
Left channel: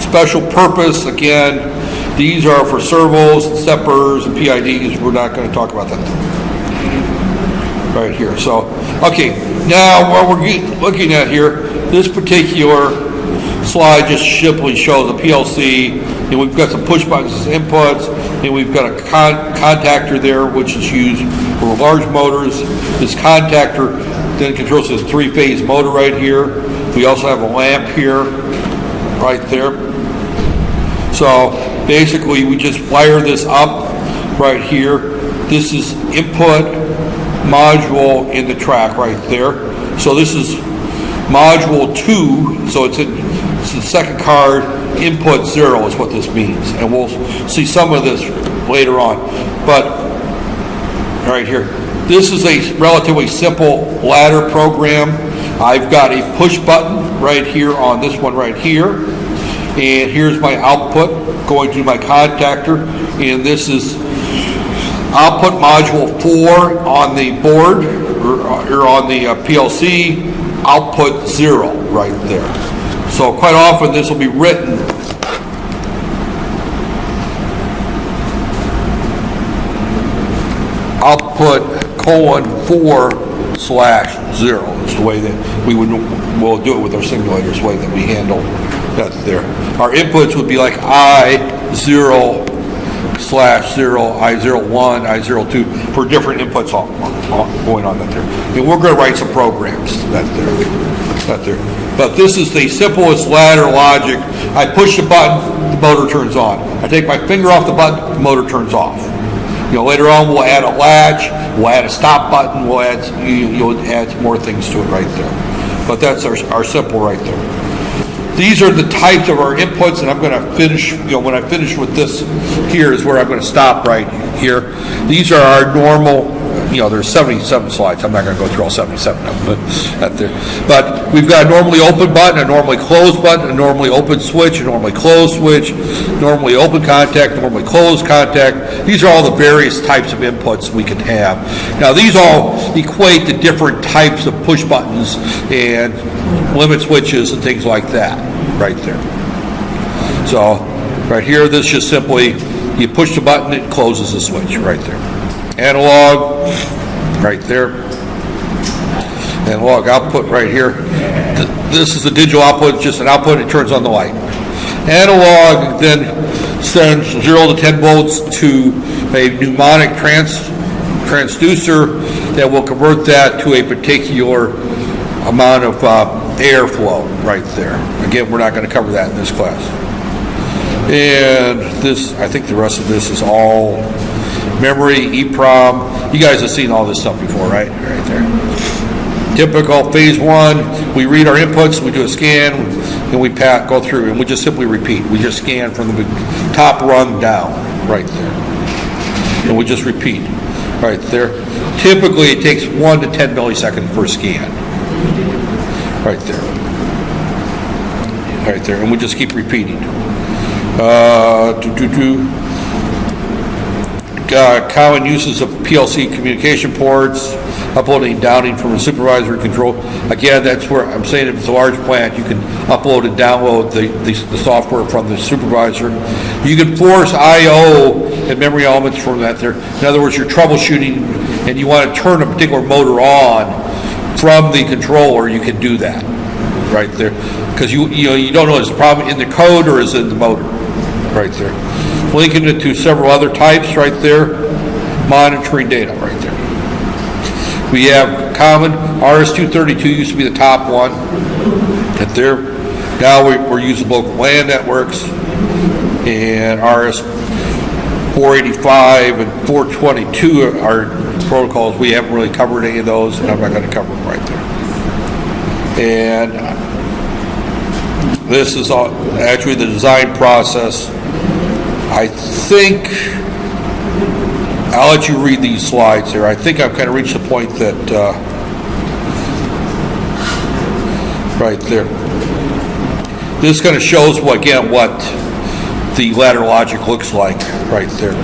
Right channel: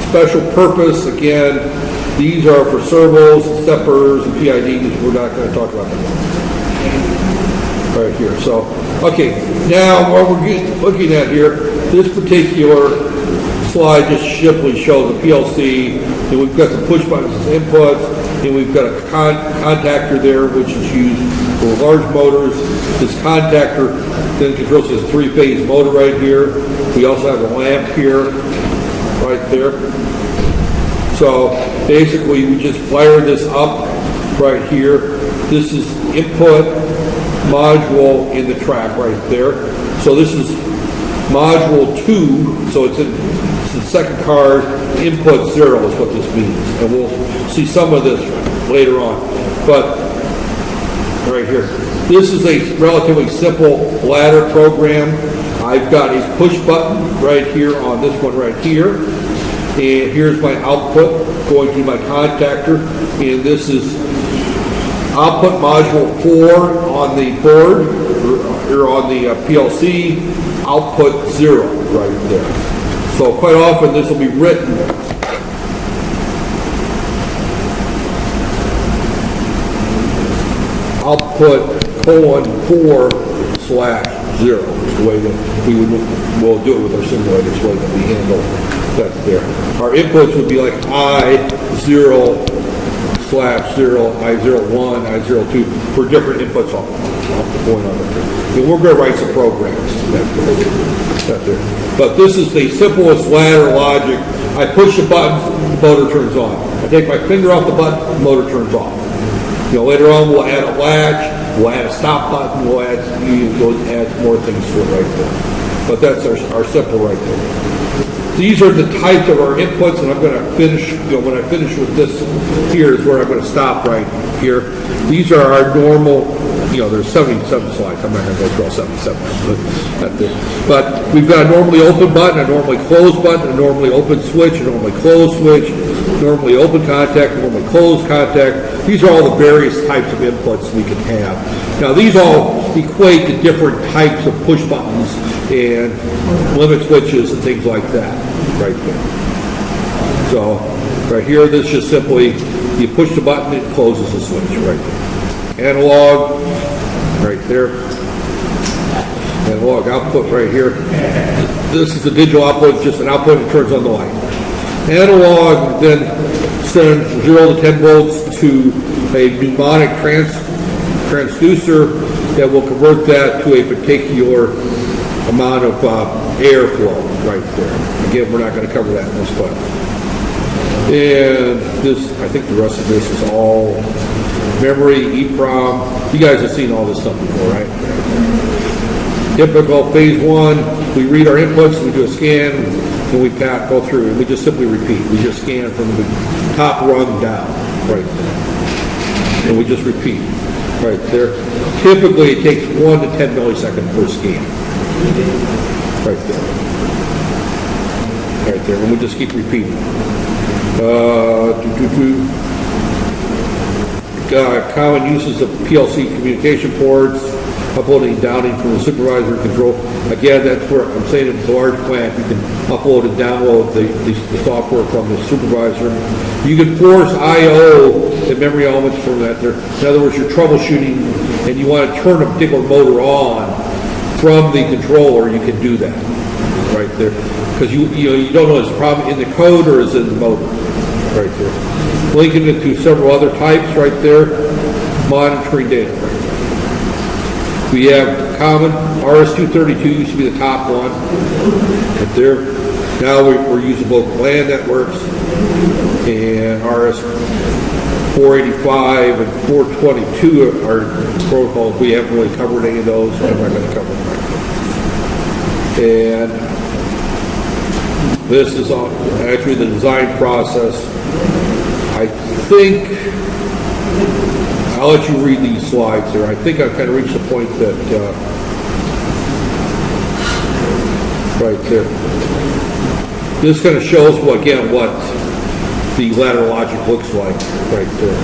Special purpose, again, these are for servos, and steppers, and PIDs. We're not going to talk about that right here. So, okay, now what we're looking at here, this particular slide just simply shows a PLC, and we've got some push buttons as inputs, and we've got a contactor there, which is used for large motors. This contactor then controls this three-phase motor right here. We also have a lamp here, right there. So basically we just wire this up right here. This is input module in the track right there. So this is module 2, so it's the second card. Input 0 is what this means, and we'll see some of this later on. But right here, this is a relatively simple ladder program. I've got a push button right here on this one right here, and here's my output going to my contactor, and this is output module 4 on the board or on the PLC, output 0 right there. So quite often this will be written output :4/0 is the way that we'll do it with our simulators, the way that we handle that there. Our inputs would be like I0/0, I01, I02 for different inputs going on there. And we're going to write some programs that there. But this is the simplest ladder logic. I push the button, the motor turns on. I take my finger off the button, the motor turns off. Later on we'll add a latch, we'll add a stop button, we'll add add more things to it right there. But that's our simple right there. These are the types of our inputs, and I'm going to finish, when I finish with this here is where I'm going to stop right here. These are our normal, there's 77 slides. I'm not going to go through all 77 of them, but we've got a normally open button, a normally closed button, a normally open switch, a normally closed switch, normally open contact, normally closed contact. These are all the various types of inputs we can have. Now, these all equate to different types of push buttons and limit switches and things like that right there. So right here, this just simply, you push the button, it closes the switch right there. Analog, right there. Analog output right here. This is the digital output, it's just an output, it turns on the light. Analog then sends 0 to 10 volts to a mnemonic transducer that will convert that to a particular amount of airflow right there. Again, we're not going to cover that in this class. And this, I think the rest of this is all memory, EEPROM. You guys have seen all this stuff before, right? Right there. Typical phase one, we read our inputs, we do a scan, and we go through, and we just simply repeat. We just scan from the top rung down, right there. And we just repeat, right there. Typically, it takes 1 to 10 milliseconds per scan. Right there. Right there, and we just keep repeating. Common uses of PLC communication ports, uploading and downloading from a supervisor control. Again, that's where I'm saying if it's a large plant, you can upload and download the software from the supervisor. You can force I/O and memory elements from that there. In other words, you're troubleshooting and you want to turn a particular motor on from the controller, you can do that right there. Because you don't know is the problem in the code or is it in the motor right there. Linking it to several other types right there, monitoring data right there. We have common, RS-232 used to be the top one right there. Now we're using local LAN networks, and RS-485 and 422 are protocols. We haven't really covered any of those, and I'm not going to cover them right there. And this is actually the design process. I think I'll let you read these slides here. I think I've kind of reached the point that right there. This kind of shows what the ladder logic looks like right there.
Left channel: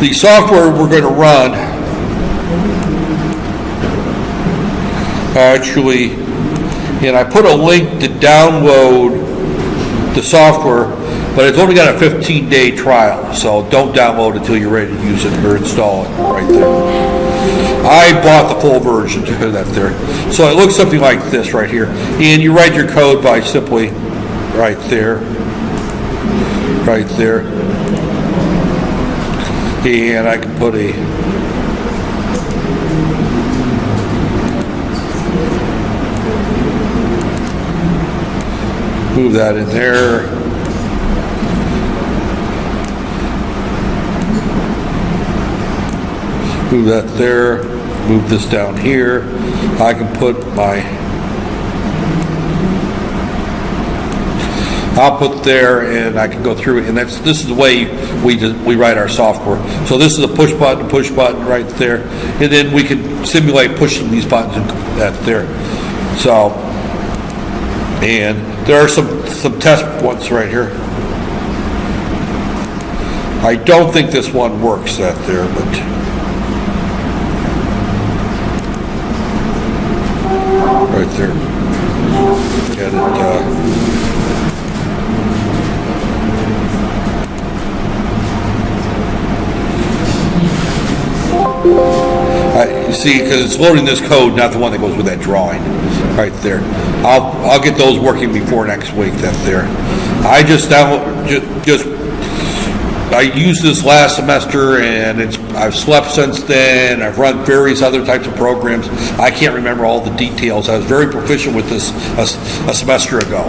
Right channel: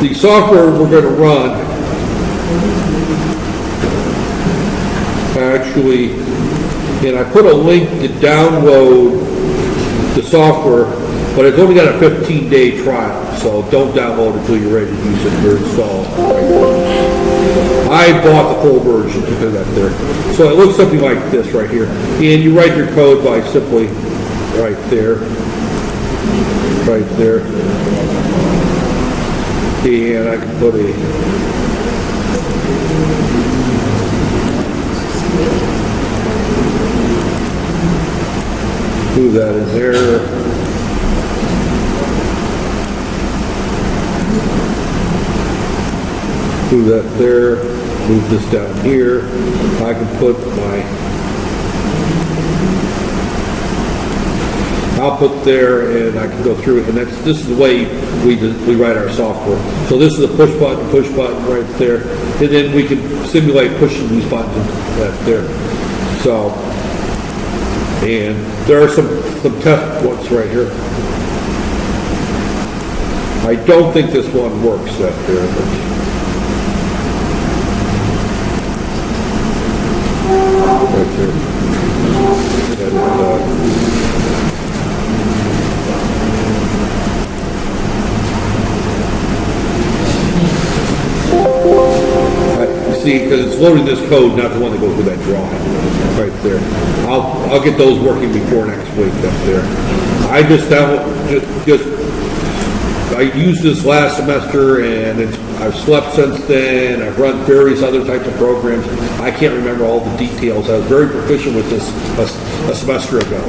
The software we're going to run actually, and I put a link to download the software, but it's only got a 15-day trial, so don't download it until you're ready to use it or install it right there. I bought the full version to put that there. So it looks something like this right here. And you write your code by simply right there. And I can put a move that in there. Move that there. Move this down here. I can put my output there, and I can go through it. And this is the way we write our software. So this is a push button right there, and then we can simulate pushing these buttons and that there. So, and there are some test ones right here. I don't think this one works that there, but right there. And you see, because it's loading this code, not the one that goes with that drawing, right there. I'll get those working before next week. That there. I just I used this last semester, and I've slept since then. I've run various other types of programs. I can't remember all the details. I was very proficient with this a semester ago.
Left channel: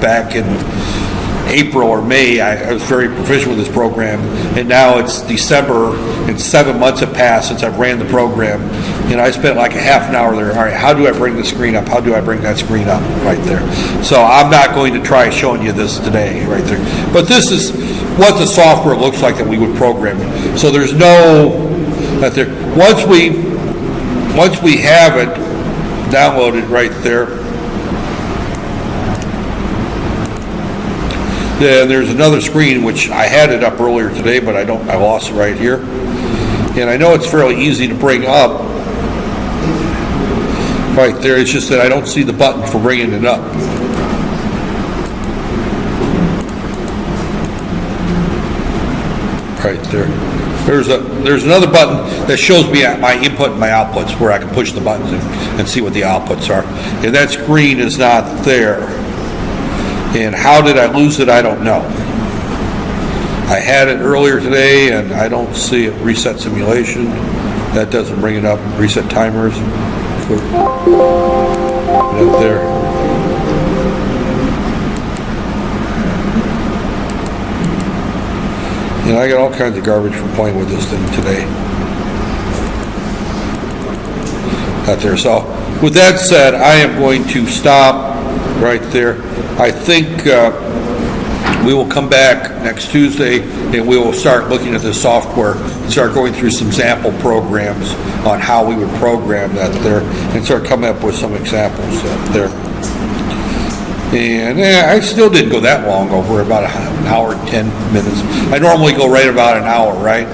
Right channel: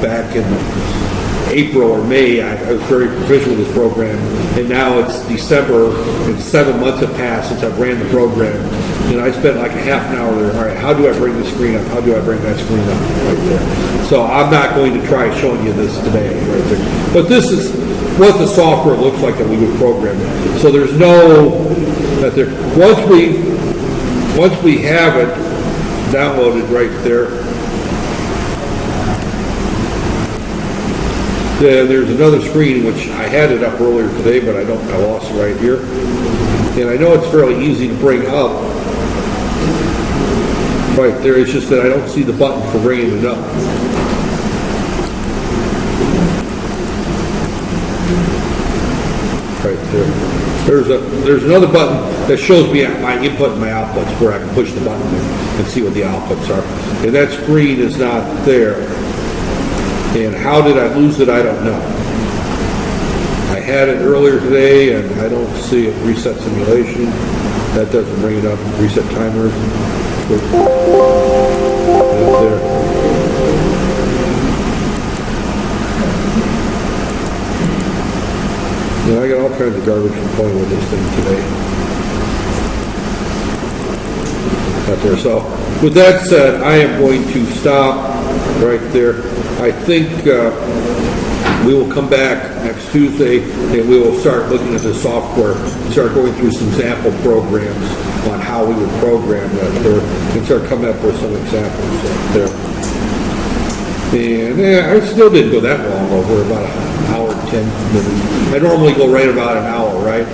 Back in April or May, I was very proficient with this program, and now it's December, and 7 months have passed since I've ran the program, and I spent like a half an hour there. All right, how do I bring the screen up? How do I bring that screen up right there? So I'm not going to try showing you this today right there. But this is what the software looks like that we would program. So there's no That there. Once we have it downloaded right there, then there's another screen which I had it up earlier today, but I lost it right here. And I know it's fairly easy to bring up right there. It's just that I don't see the button for bringing it up. Right there. There's another button that shows me my input and my outputs, where I can push the buttons and see what the outputs are. And that screen is not there. And how did I lose it? I don't know. I had it earlier today, and I don't see it. Reset simulation. That doesn't bring it up. Reset timers. Right there. And I got all kinds of garbage from playing with this thing today. Out there. So, with that said, I am going to stop right there. I think we will come back next Tuesday and we will start looking at the software, start going through some sample programs on how we would program that there, and start coming up with some examples there. And I still didn't go that long over, about an hour and 10 minutes. I normally go right about an hour, right?